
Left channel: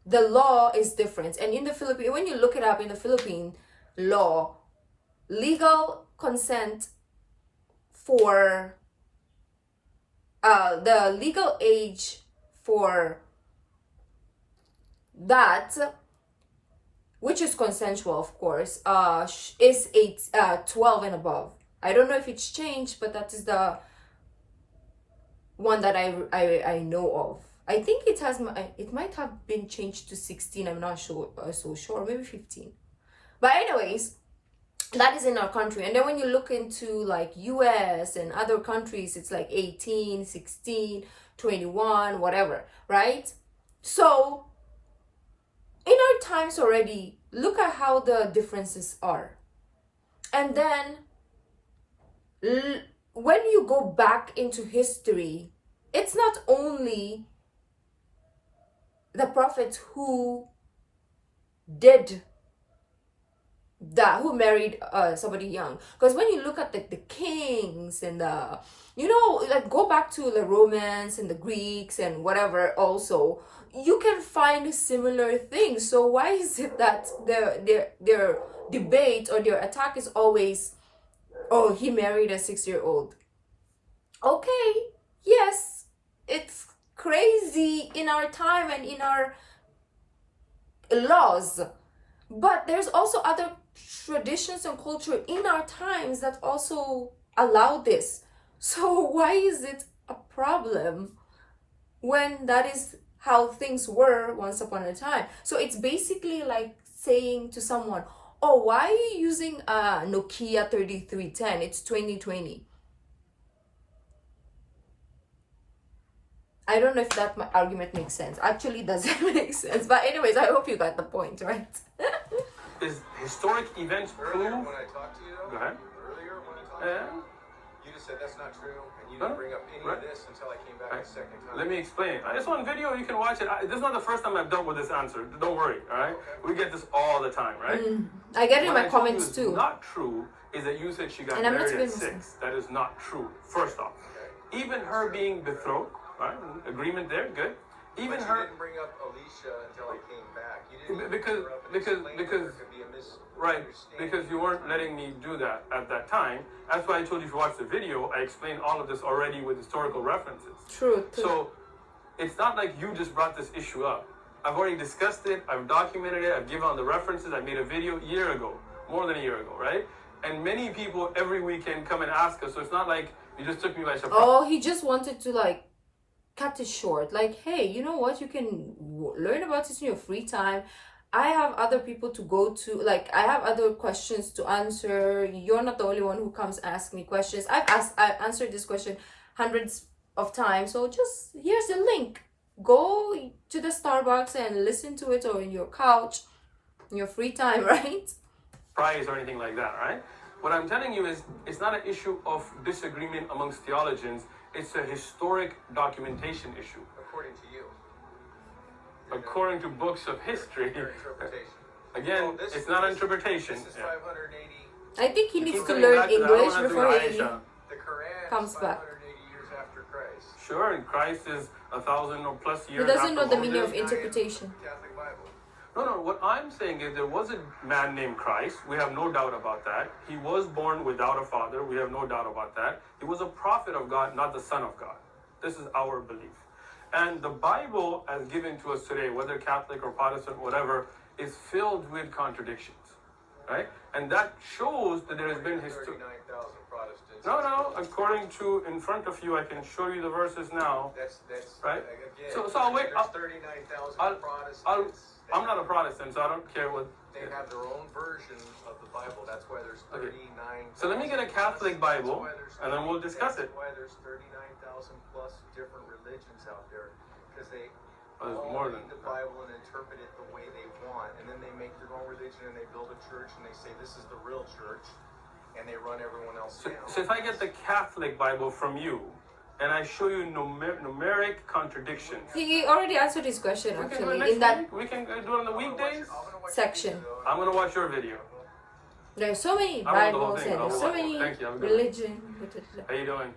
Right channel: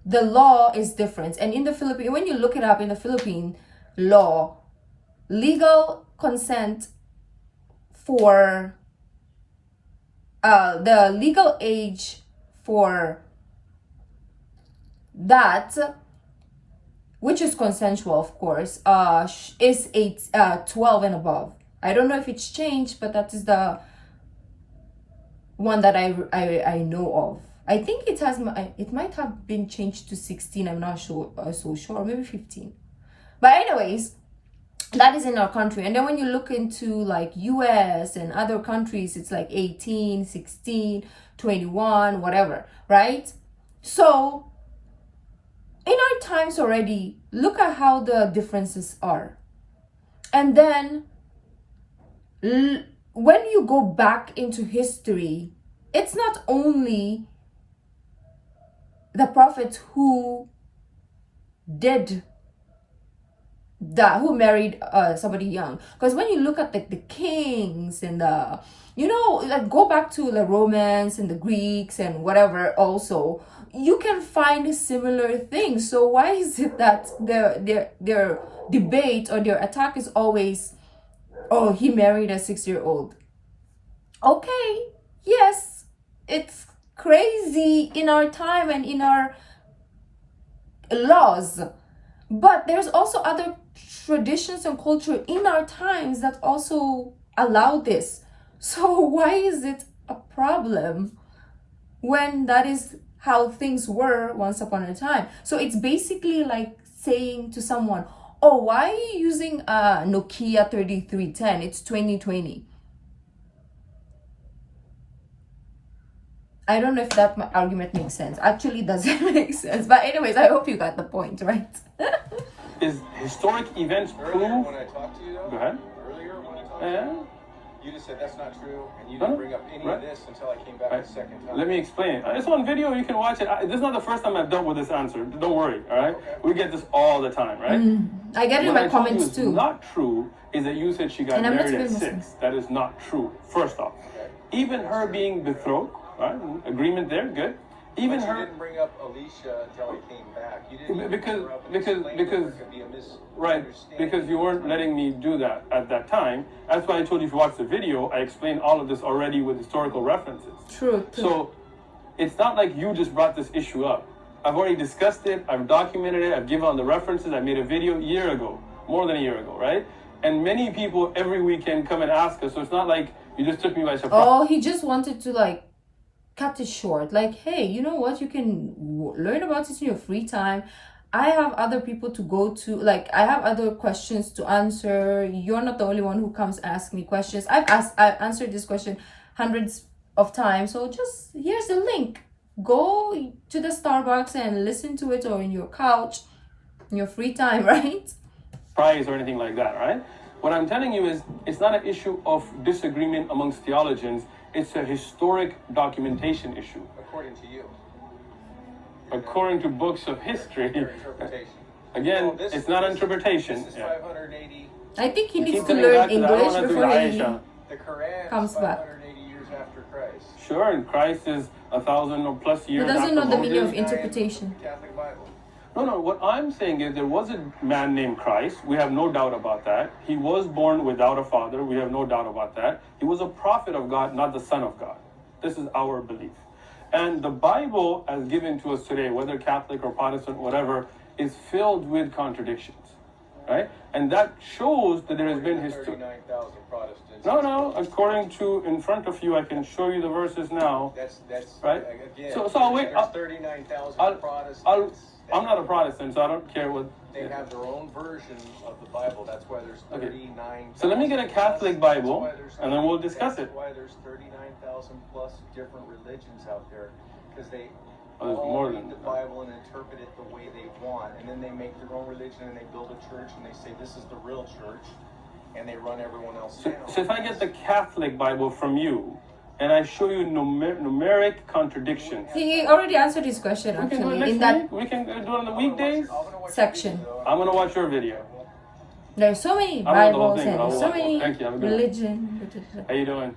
the law is different. And in the Philippines, when you look it up in the Philippine law, legal consent for the legal age for that, which is consensual, of course, is 12 and above. I don't know if it's changed, but that is the one that I know of. I think it might have been changed to 16. I'm not sure, so sure, maybe 15. But anyways, that is in our country. And then when you look into like US and other countries, it's like 18, 16, 21, whatever, right? So in our times already, look at how the differences are. And then when you go back into history, it's not only the prophets who did that, who married somebody young. Because when you look at the kings and the, you know, like go back to the Romans and the Greeks and whatever also, you can find similar things. So why is it that their debate or their attack is always, oh, he married a 6-year-old? Okay, yes, it's crazy in our time and in our laws, but there's also other traditions and culture in our times that also allow this. So why is it a problem when that is how things were once upon a time? So it's basically like saying to someone, oh, why are you using a Nokia 3310? It's 2020. I don't know if that argument makes sense. Actually, doesn't make sense. But anyways, I hope you got the point, right? Is historic events Earlier prove... when I talked to you, though, Go ahead. earlier when I talked to Yeah. you, you just said that's not true, and you No, didn't bring up any right. of this until I came back Right. the second time. Let me explain. It's on video. You can watch it. This is not the first time I've dealt with this answer. Don't worry, all right? Okay. We get this all the time, right? I get it in What my I told you comments is too. not true is that you said she got And I'm not married at even Muslim. 6. That is not true. First off, Okay. even her being betrothed, right? Agreement there, good. Even But you her, didn't bring up Alicia until I came back. You didn't even Because- bring her up and because- explain because- that there could be a right? misunderstanding. Because you weren't letting me do that at that time. That's why I told you to watch the video. I explained all of this already with historical references. True. So it's not like you just brought this issue up. I've already discussed it. I've documented it. I've given all the references. I made a video a year ago, more than a year ago, right? And many people every weekend come and ask us. So it's not like you just took me by surprise. Oh, he just wanted to like cut it short. Like, hey, you know what? You can learn about it in your free time. I have other people to go to. Like, I have other questions to answer. You're not the only one who comes ask me questions. I've answered this question hundreds of time. So just here's the link. Go to the Starbucks and listen to it, or in your couch, in your free time, right? Prize or anything like that, right? What I'm telling you is it's not an issue of disagreement amongst theologians. It's a historic documentation issue. According to you. According to books of history. Your interpretation. Again, Well, it's not interpretation. This is Yeah. 580. I think he You needs keep to coming learn back to that. I don't English wanna do before he Aisha. The Quran comes is back. 580 years after Christ. Sure, and Christ is 1,000 or plus He years doesn't after know the Moses. meaning of interpretation. Catholic Bible. No, what I'm saying is there was a man named Christ. We have no doubt about that. He was born without a father. We have no doubt about that. He was a prophet of God, not the son of God. This is our belief. And the Bible, as given to us today, whether Catholic or Protestant, whatever, is filled with contradictions, right? And that shows that there has been history. 39,000 Protestants. No, according to, in front of you, I can show you the verses now. That's Right. Again, So I'll wait. There's 39,000 I'll- Protestants. I'm not a Protestant, so I don't care what. They have their own version of the Bible. That's why there's Okay. 39. So let me get a Catholic Bible, and then we'll discuss it. That's why there's 39,000 plus different religions out there, because they Oh, there's all more read than the that. Bible and interpret it the way they want, and then they make their own religion and they build a church and they say this is the real church, and they run everyone else down. So if I get the Catholic Bible from you, and I show you numeric contradictions, He already answered his question we can do it actually next in that week. We can do it on the weekdays. section. I'm gonna watch your video. There's so many I don't know the whole Bibles thing, and but I'll there's so watch it. many Thank you, have a good one. religion. How you doing?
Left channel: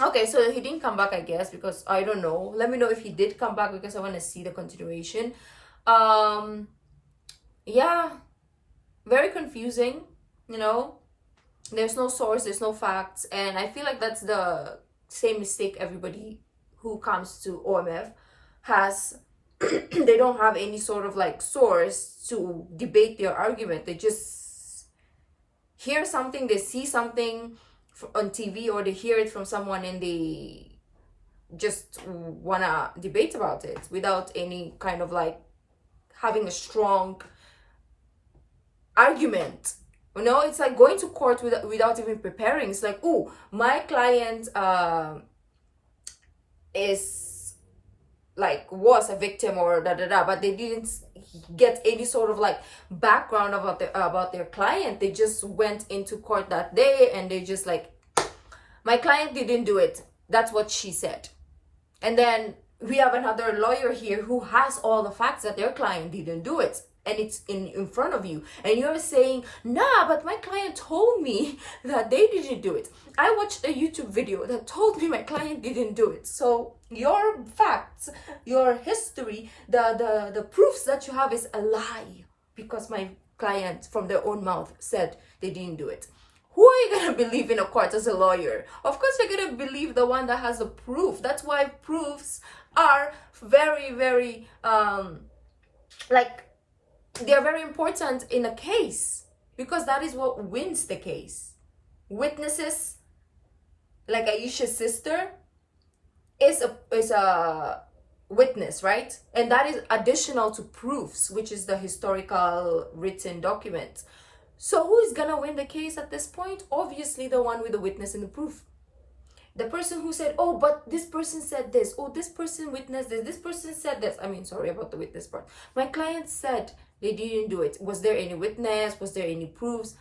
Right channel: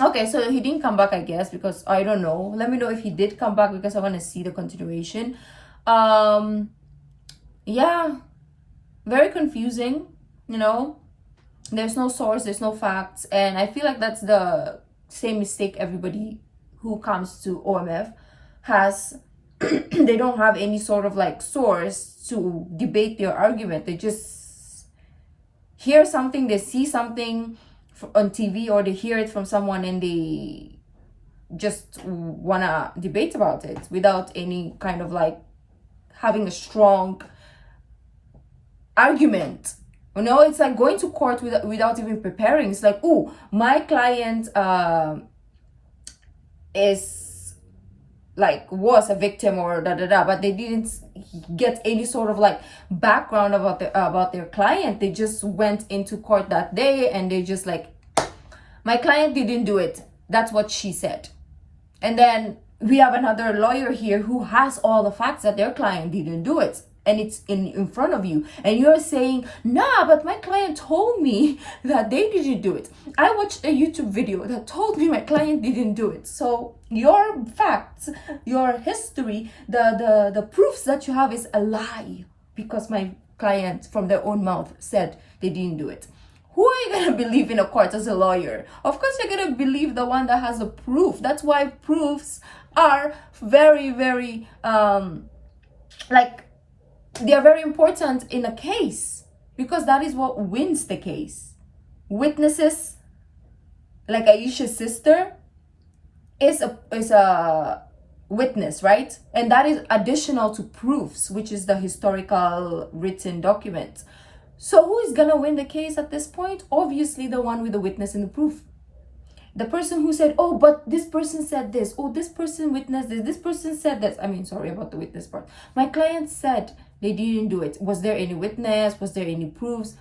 Okay, so he didn't come back, I guess, because I don't know. Let me know if he did come back, because I want to see the continuation. Yeah, very confusing, you know. There's no source, there's no facts, and I feel like that's the same mistake everybody who comes to OMF has. They don't have any sort of like source to debate their argument. They just hear something, they see something on TV, or they hear it from someone and they just wanna debate about it without any kind of like having a strong argument. You know, it's like going to court without even preparing. It's like, oh, my client is like was a victim or but they didn't get any sort of like background about their client. They just went into court that day and they just like, my client didn't do it. That's what she said. And then we have another lawyer here who has all the facts that their client didn't do it. And it's in front of you. And you're saying, nah, but my client told me that they didn't do it. I watched a YouTube video that told me my client didn't do it. So your facts, your history, the proofs that you have is a lie. Because my client from their own mouth said they didn't do it. Who are you going to believe in a court as a lawyer? Of course, you're going to believe the one that has the proof. That's why proofs are very, very, they are very important in a case. Because that is what wins the case. Witnesses, like Aisha's sister, is a witness, right? And that is additional to proofs, which is the historical written document. So who is gonna win the case at this point? Obviously the one with the witness and the proof. The person who said, oh, but this person said this. Oh, this person witnessed this. This person said this. I mean, sorry about the witness part. My client said they didn't do it. Was there any witness? Was there any proofs?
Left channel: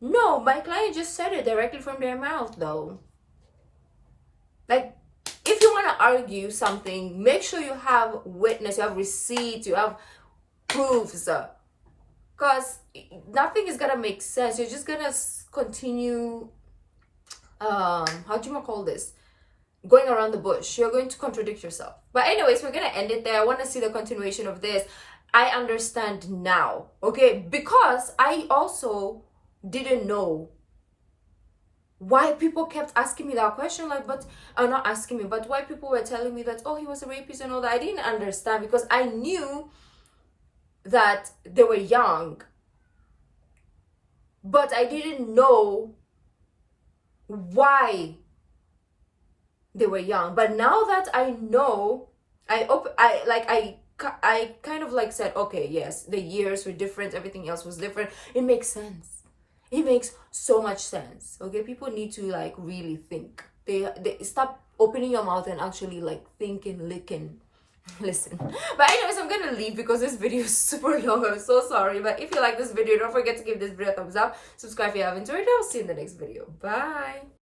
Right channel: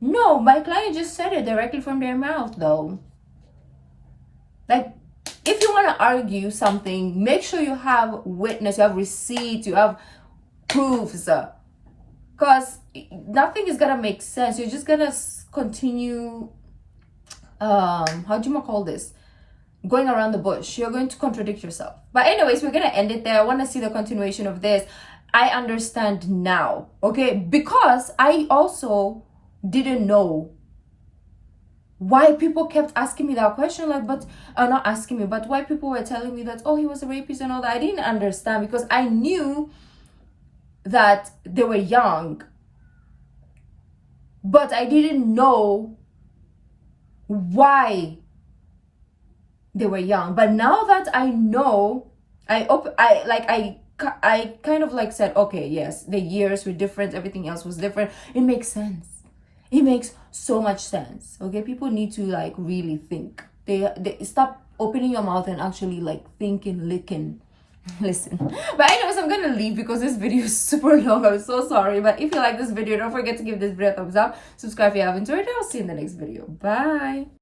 No, my client just said it directly from their mouth though. Like, if you want to argue something, make sure you have witness, you have receipts, you have proofs. Because nothing is gonna make sense. You're just gonna continue, how do you call this? Going around the bush. You're going to contradict yourself. But anyways, we're gonna end it there. I want to see the continuation of this. I understand now, okay? Because I also didn't know why people kept asking me that question, like, but not asking me, but why people were telling me that, oh, he was a rapist and all that. I didn't understand because I knew that they were young, but I didn't know why they were young. But now that I know, I kind of like said, okay, yes, the years were different, everything else was different. It makes sense. It makes so much sense. Okay, people need to like really think they stop opening your mouth and actually like thinking, licking. Listen. But anyways, I'm gonna leave because this video is super long. I'm so sorry. But if you like this video, don't forget to give this video a thumbs up. Subscribe if you haven't already. I'll see you in the next video. Bye.